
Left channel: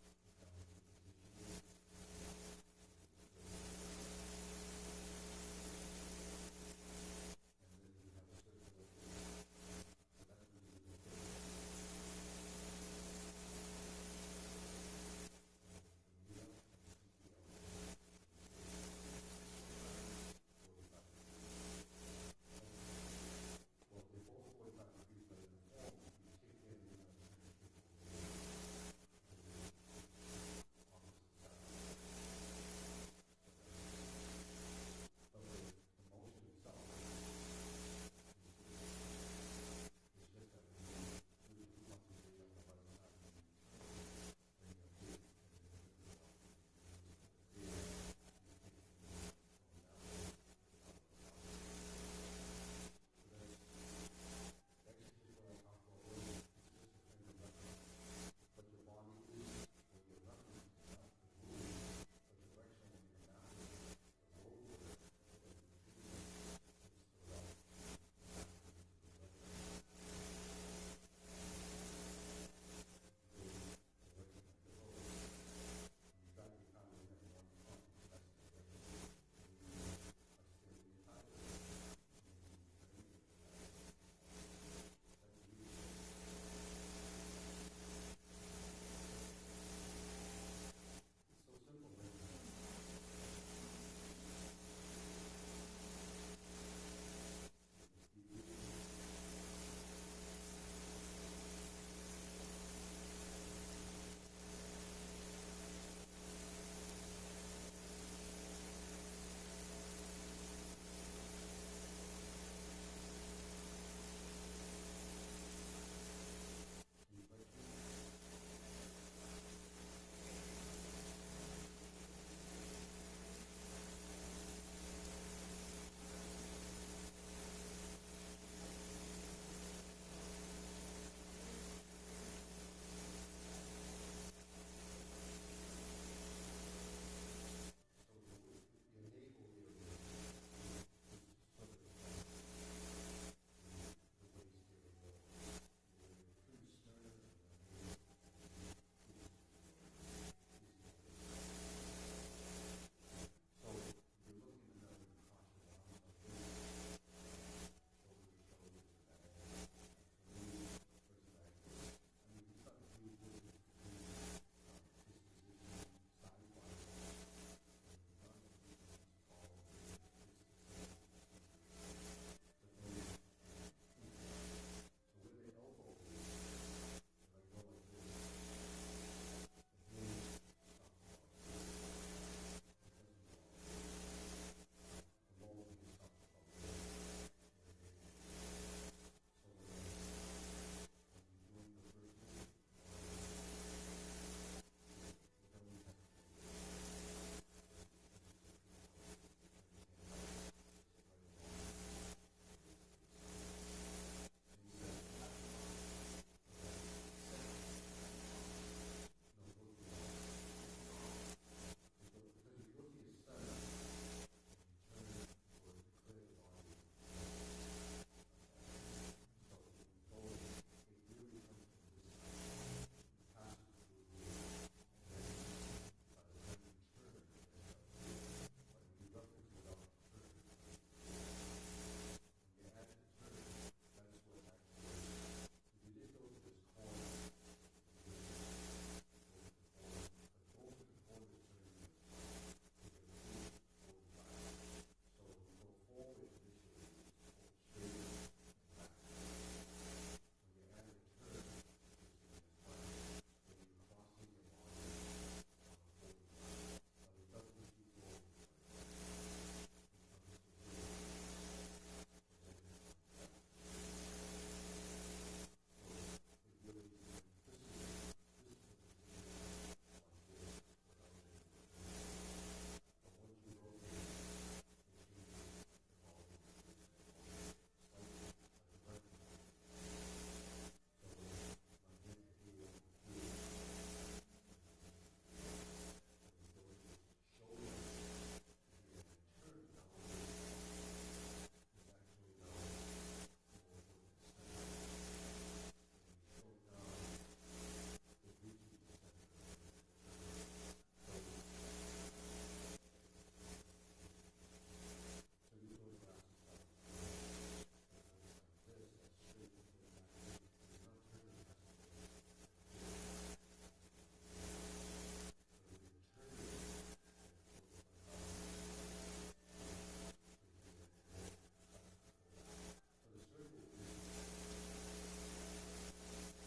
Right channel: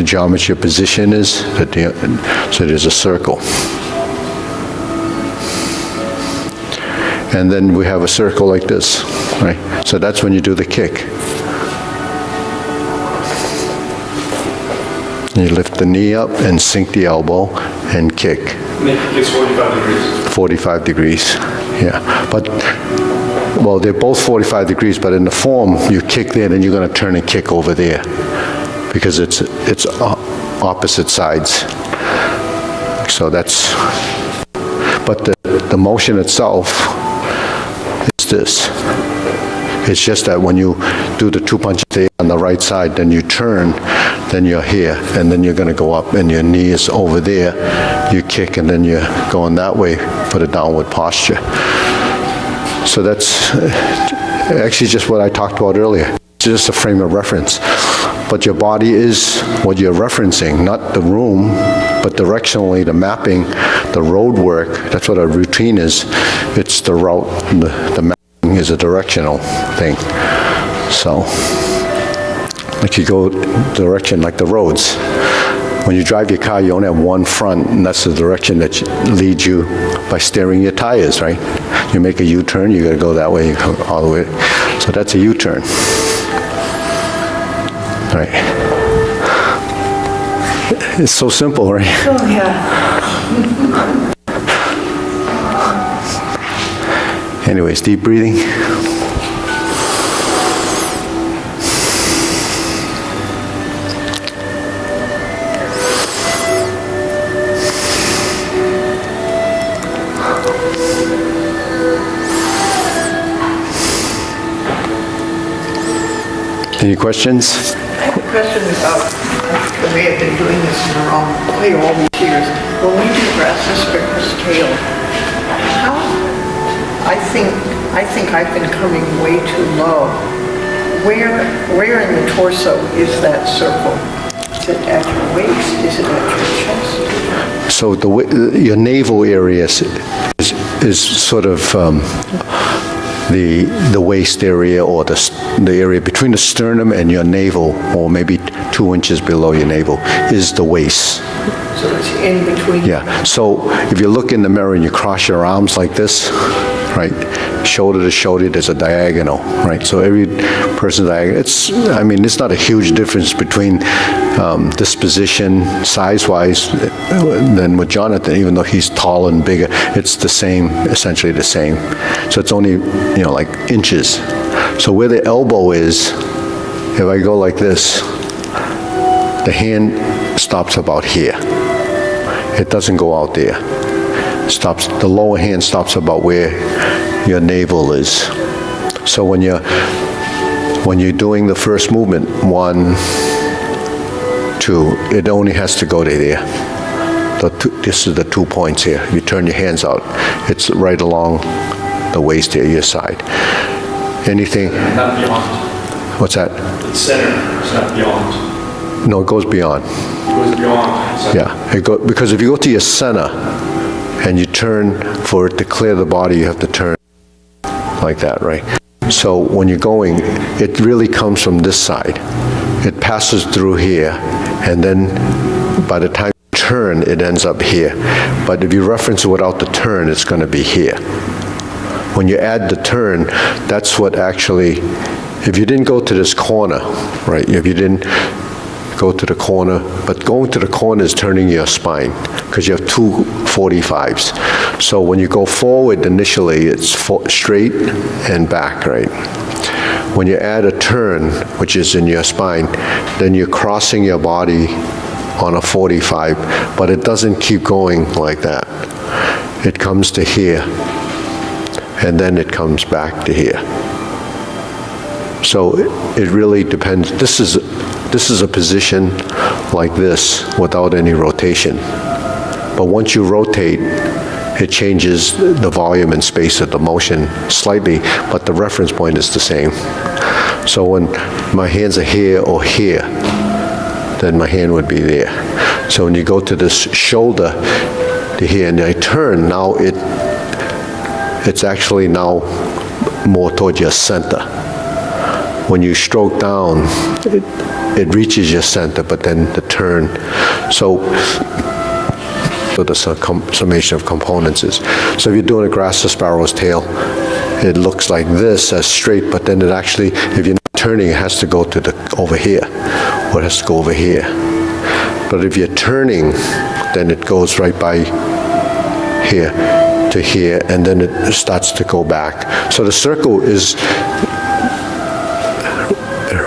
geometry of position is. So there's a circle. And then we have a circle like this, right? So that's when you do the kick. You lift the knee up and sink the elbow and kick. It's 45 degrees. 45 degrees, yeah. But, well, they're both 45 degrees, but in the form, you kick there, then you're going to turn and kick over there because it's opposite sides. So that's, but the motion itself is this. It's just that when you do the two punches there on the right side, then you turn, then you're here, and then you're going to go up, and your knee is over there. You kick, and then you're going that way for the downward posture. So that's actually just what I talked about earlier. It's just a frame of reference. But your body is what you're referencing, not the room, but directionally, the mapping, the road work. That's what a routine is. It's the route, the mapping is a directional thing. So, like you go direction, like the roads. When you drive your car, you only have one front, and that's the direction that leads you by steering your tires, right? You make a U-turn, you gotta go that way, you go all the way. So that's a U-turn. Right. It's so simple, right? Oh, yeah. Anyways, deep breathing. Any questions? I have a question about the way I've been doing this in the wrong way all these years. When we do grasses versus tail, I think I've been coming way too low. Where in the torso is that circle? Is it at your waist? Is it at your chest? So your navel area is sort of the waist area, or the area between the sternum and your navel, or maybe 2 inches below your navel, is the waist. So it's in between? Yeah. So if you look in the mirror and you cross your arms like this, right, shoulder to shoulder, there's a diagonal, right? So every person's diagonal. It's not a huge difference between this position size-wise than with Jonathan, even though he's taller and bigger. It's the same, essentially the same. So it's only, like inches. So where the elbow is, if I go like this, the hand stops about here. It doesn't go out there. The lower hand stops about where your navel is. So when you're doing the first movement, 1, 2, it only has to go to there. This is the 2 points here. You turn your hands out, it's right along the waist here, your side. Anything? Not beyond. What's that? It's center, it's not beyond. No, it goes beyond. It goes beyond. So Yeah, because if you go to your center and you turn for it to clear the body, you have to turn like that, right? So when you're going, it really comes from this side. It passes through here, and then by the time you turn, it ends up here. But if you reference it without the turn, it's going to be here. When you add the turn, that's what actually, if you didn't go to this corner, right, if you didn't go to the corner, but going to the corner is turning your spine because you have two 45s. So when you go forward initially, it's straight and back, right? When you add a turn, which is in your spine, then you're crossing your body on a 45, but it doesn't keep going like that. It comes to here, and then it comes back to here. So it really depends. This is a position like this without any rotation. But once you rotate, it changes the volume and space of the motion slightly, but the reference point is the same. So when my hands are here or here, then my hand would be there. So when you go to this shoulder to here and I turn, now it's actually now more towards your center. When you stroke down, it reaches your center, but then the turn. So the summation of components is. So if you're doing a grasshopper sparrow's tail, it looks like this as straight, but then it actually, if you're not turning, it has to go to over here, or it has to go over here. But if you're turning, then it goes right by here to here, and then it starts to go back. So the circle is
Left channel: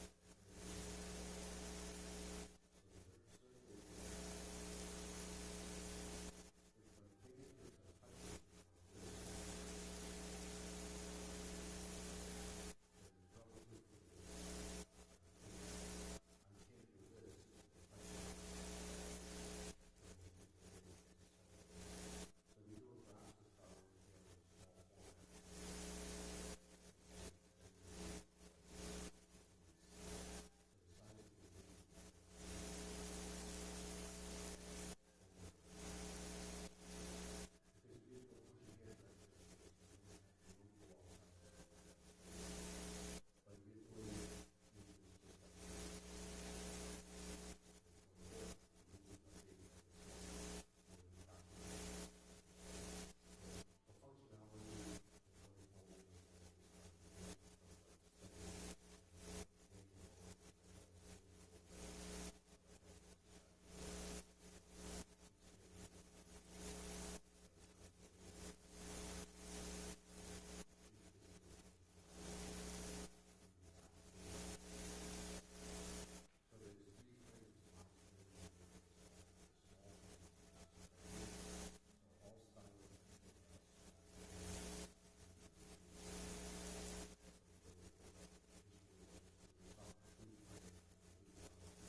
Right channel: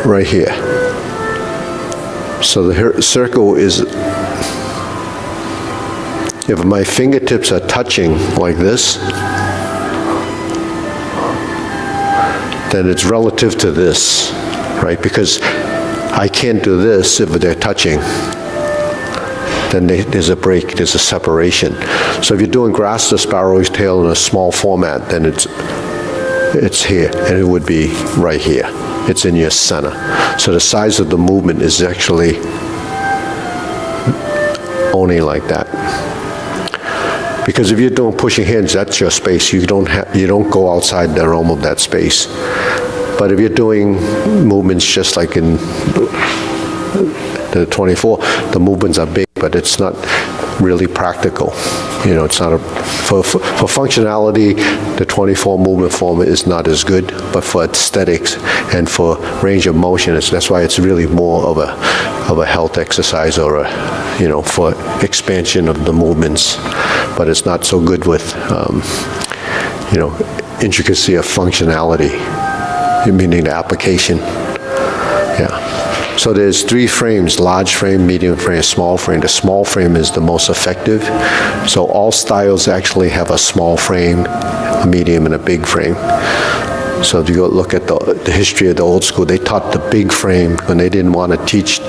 right here. So the circle is, if my fingertips are touching like this, then it's relative to this, right? Because I can't do this if they're touching. Then there's a break, there's a separation. So if you're doing grasshopper sparrow's tail in a small format, then it's here, and it would be right here. It's in your center. So the size of the movement is actually only like that. Because if you're doing pushing hands, that's your space. You don't go outside the realm of that space. But if you're doing movements just like in the 24, the movements are big, but it's not really practical. You know, it's not for functionality, the 24 movement form is not as good, but for aesthetics and for range of motion, that's why it's really more of a health exercise or for expansion of the movements. But it's not so good with, intricacy of functionality, meaning the application. Yeah. So there's 3 frames: large frame, medium frame, small frame. The small frame is the most effective. So all styles actually have a small frame, a medium, and a big frame. So if you go look at the history of the old school, they taught the big frame when they didn't want to teach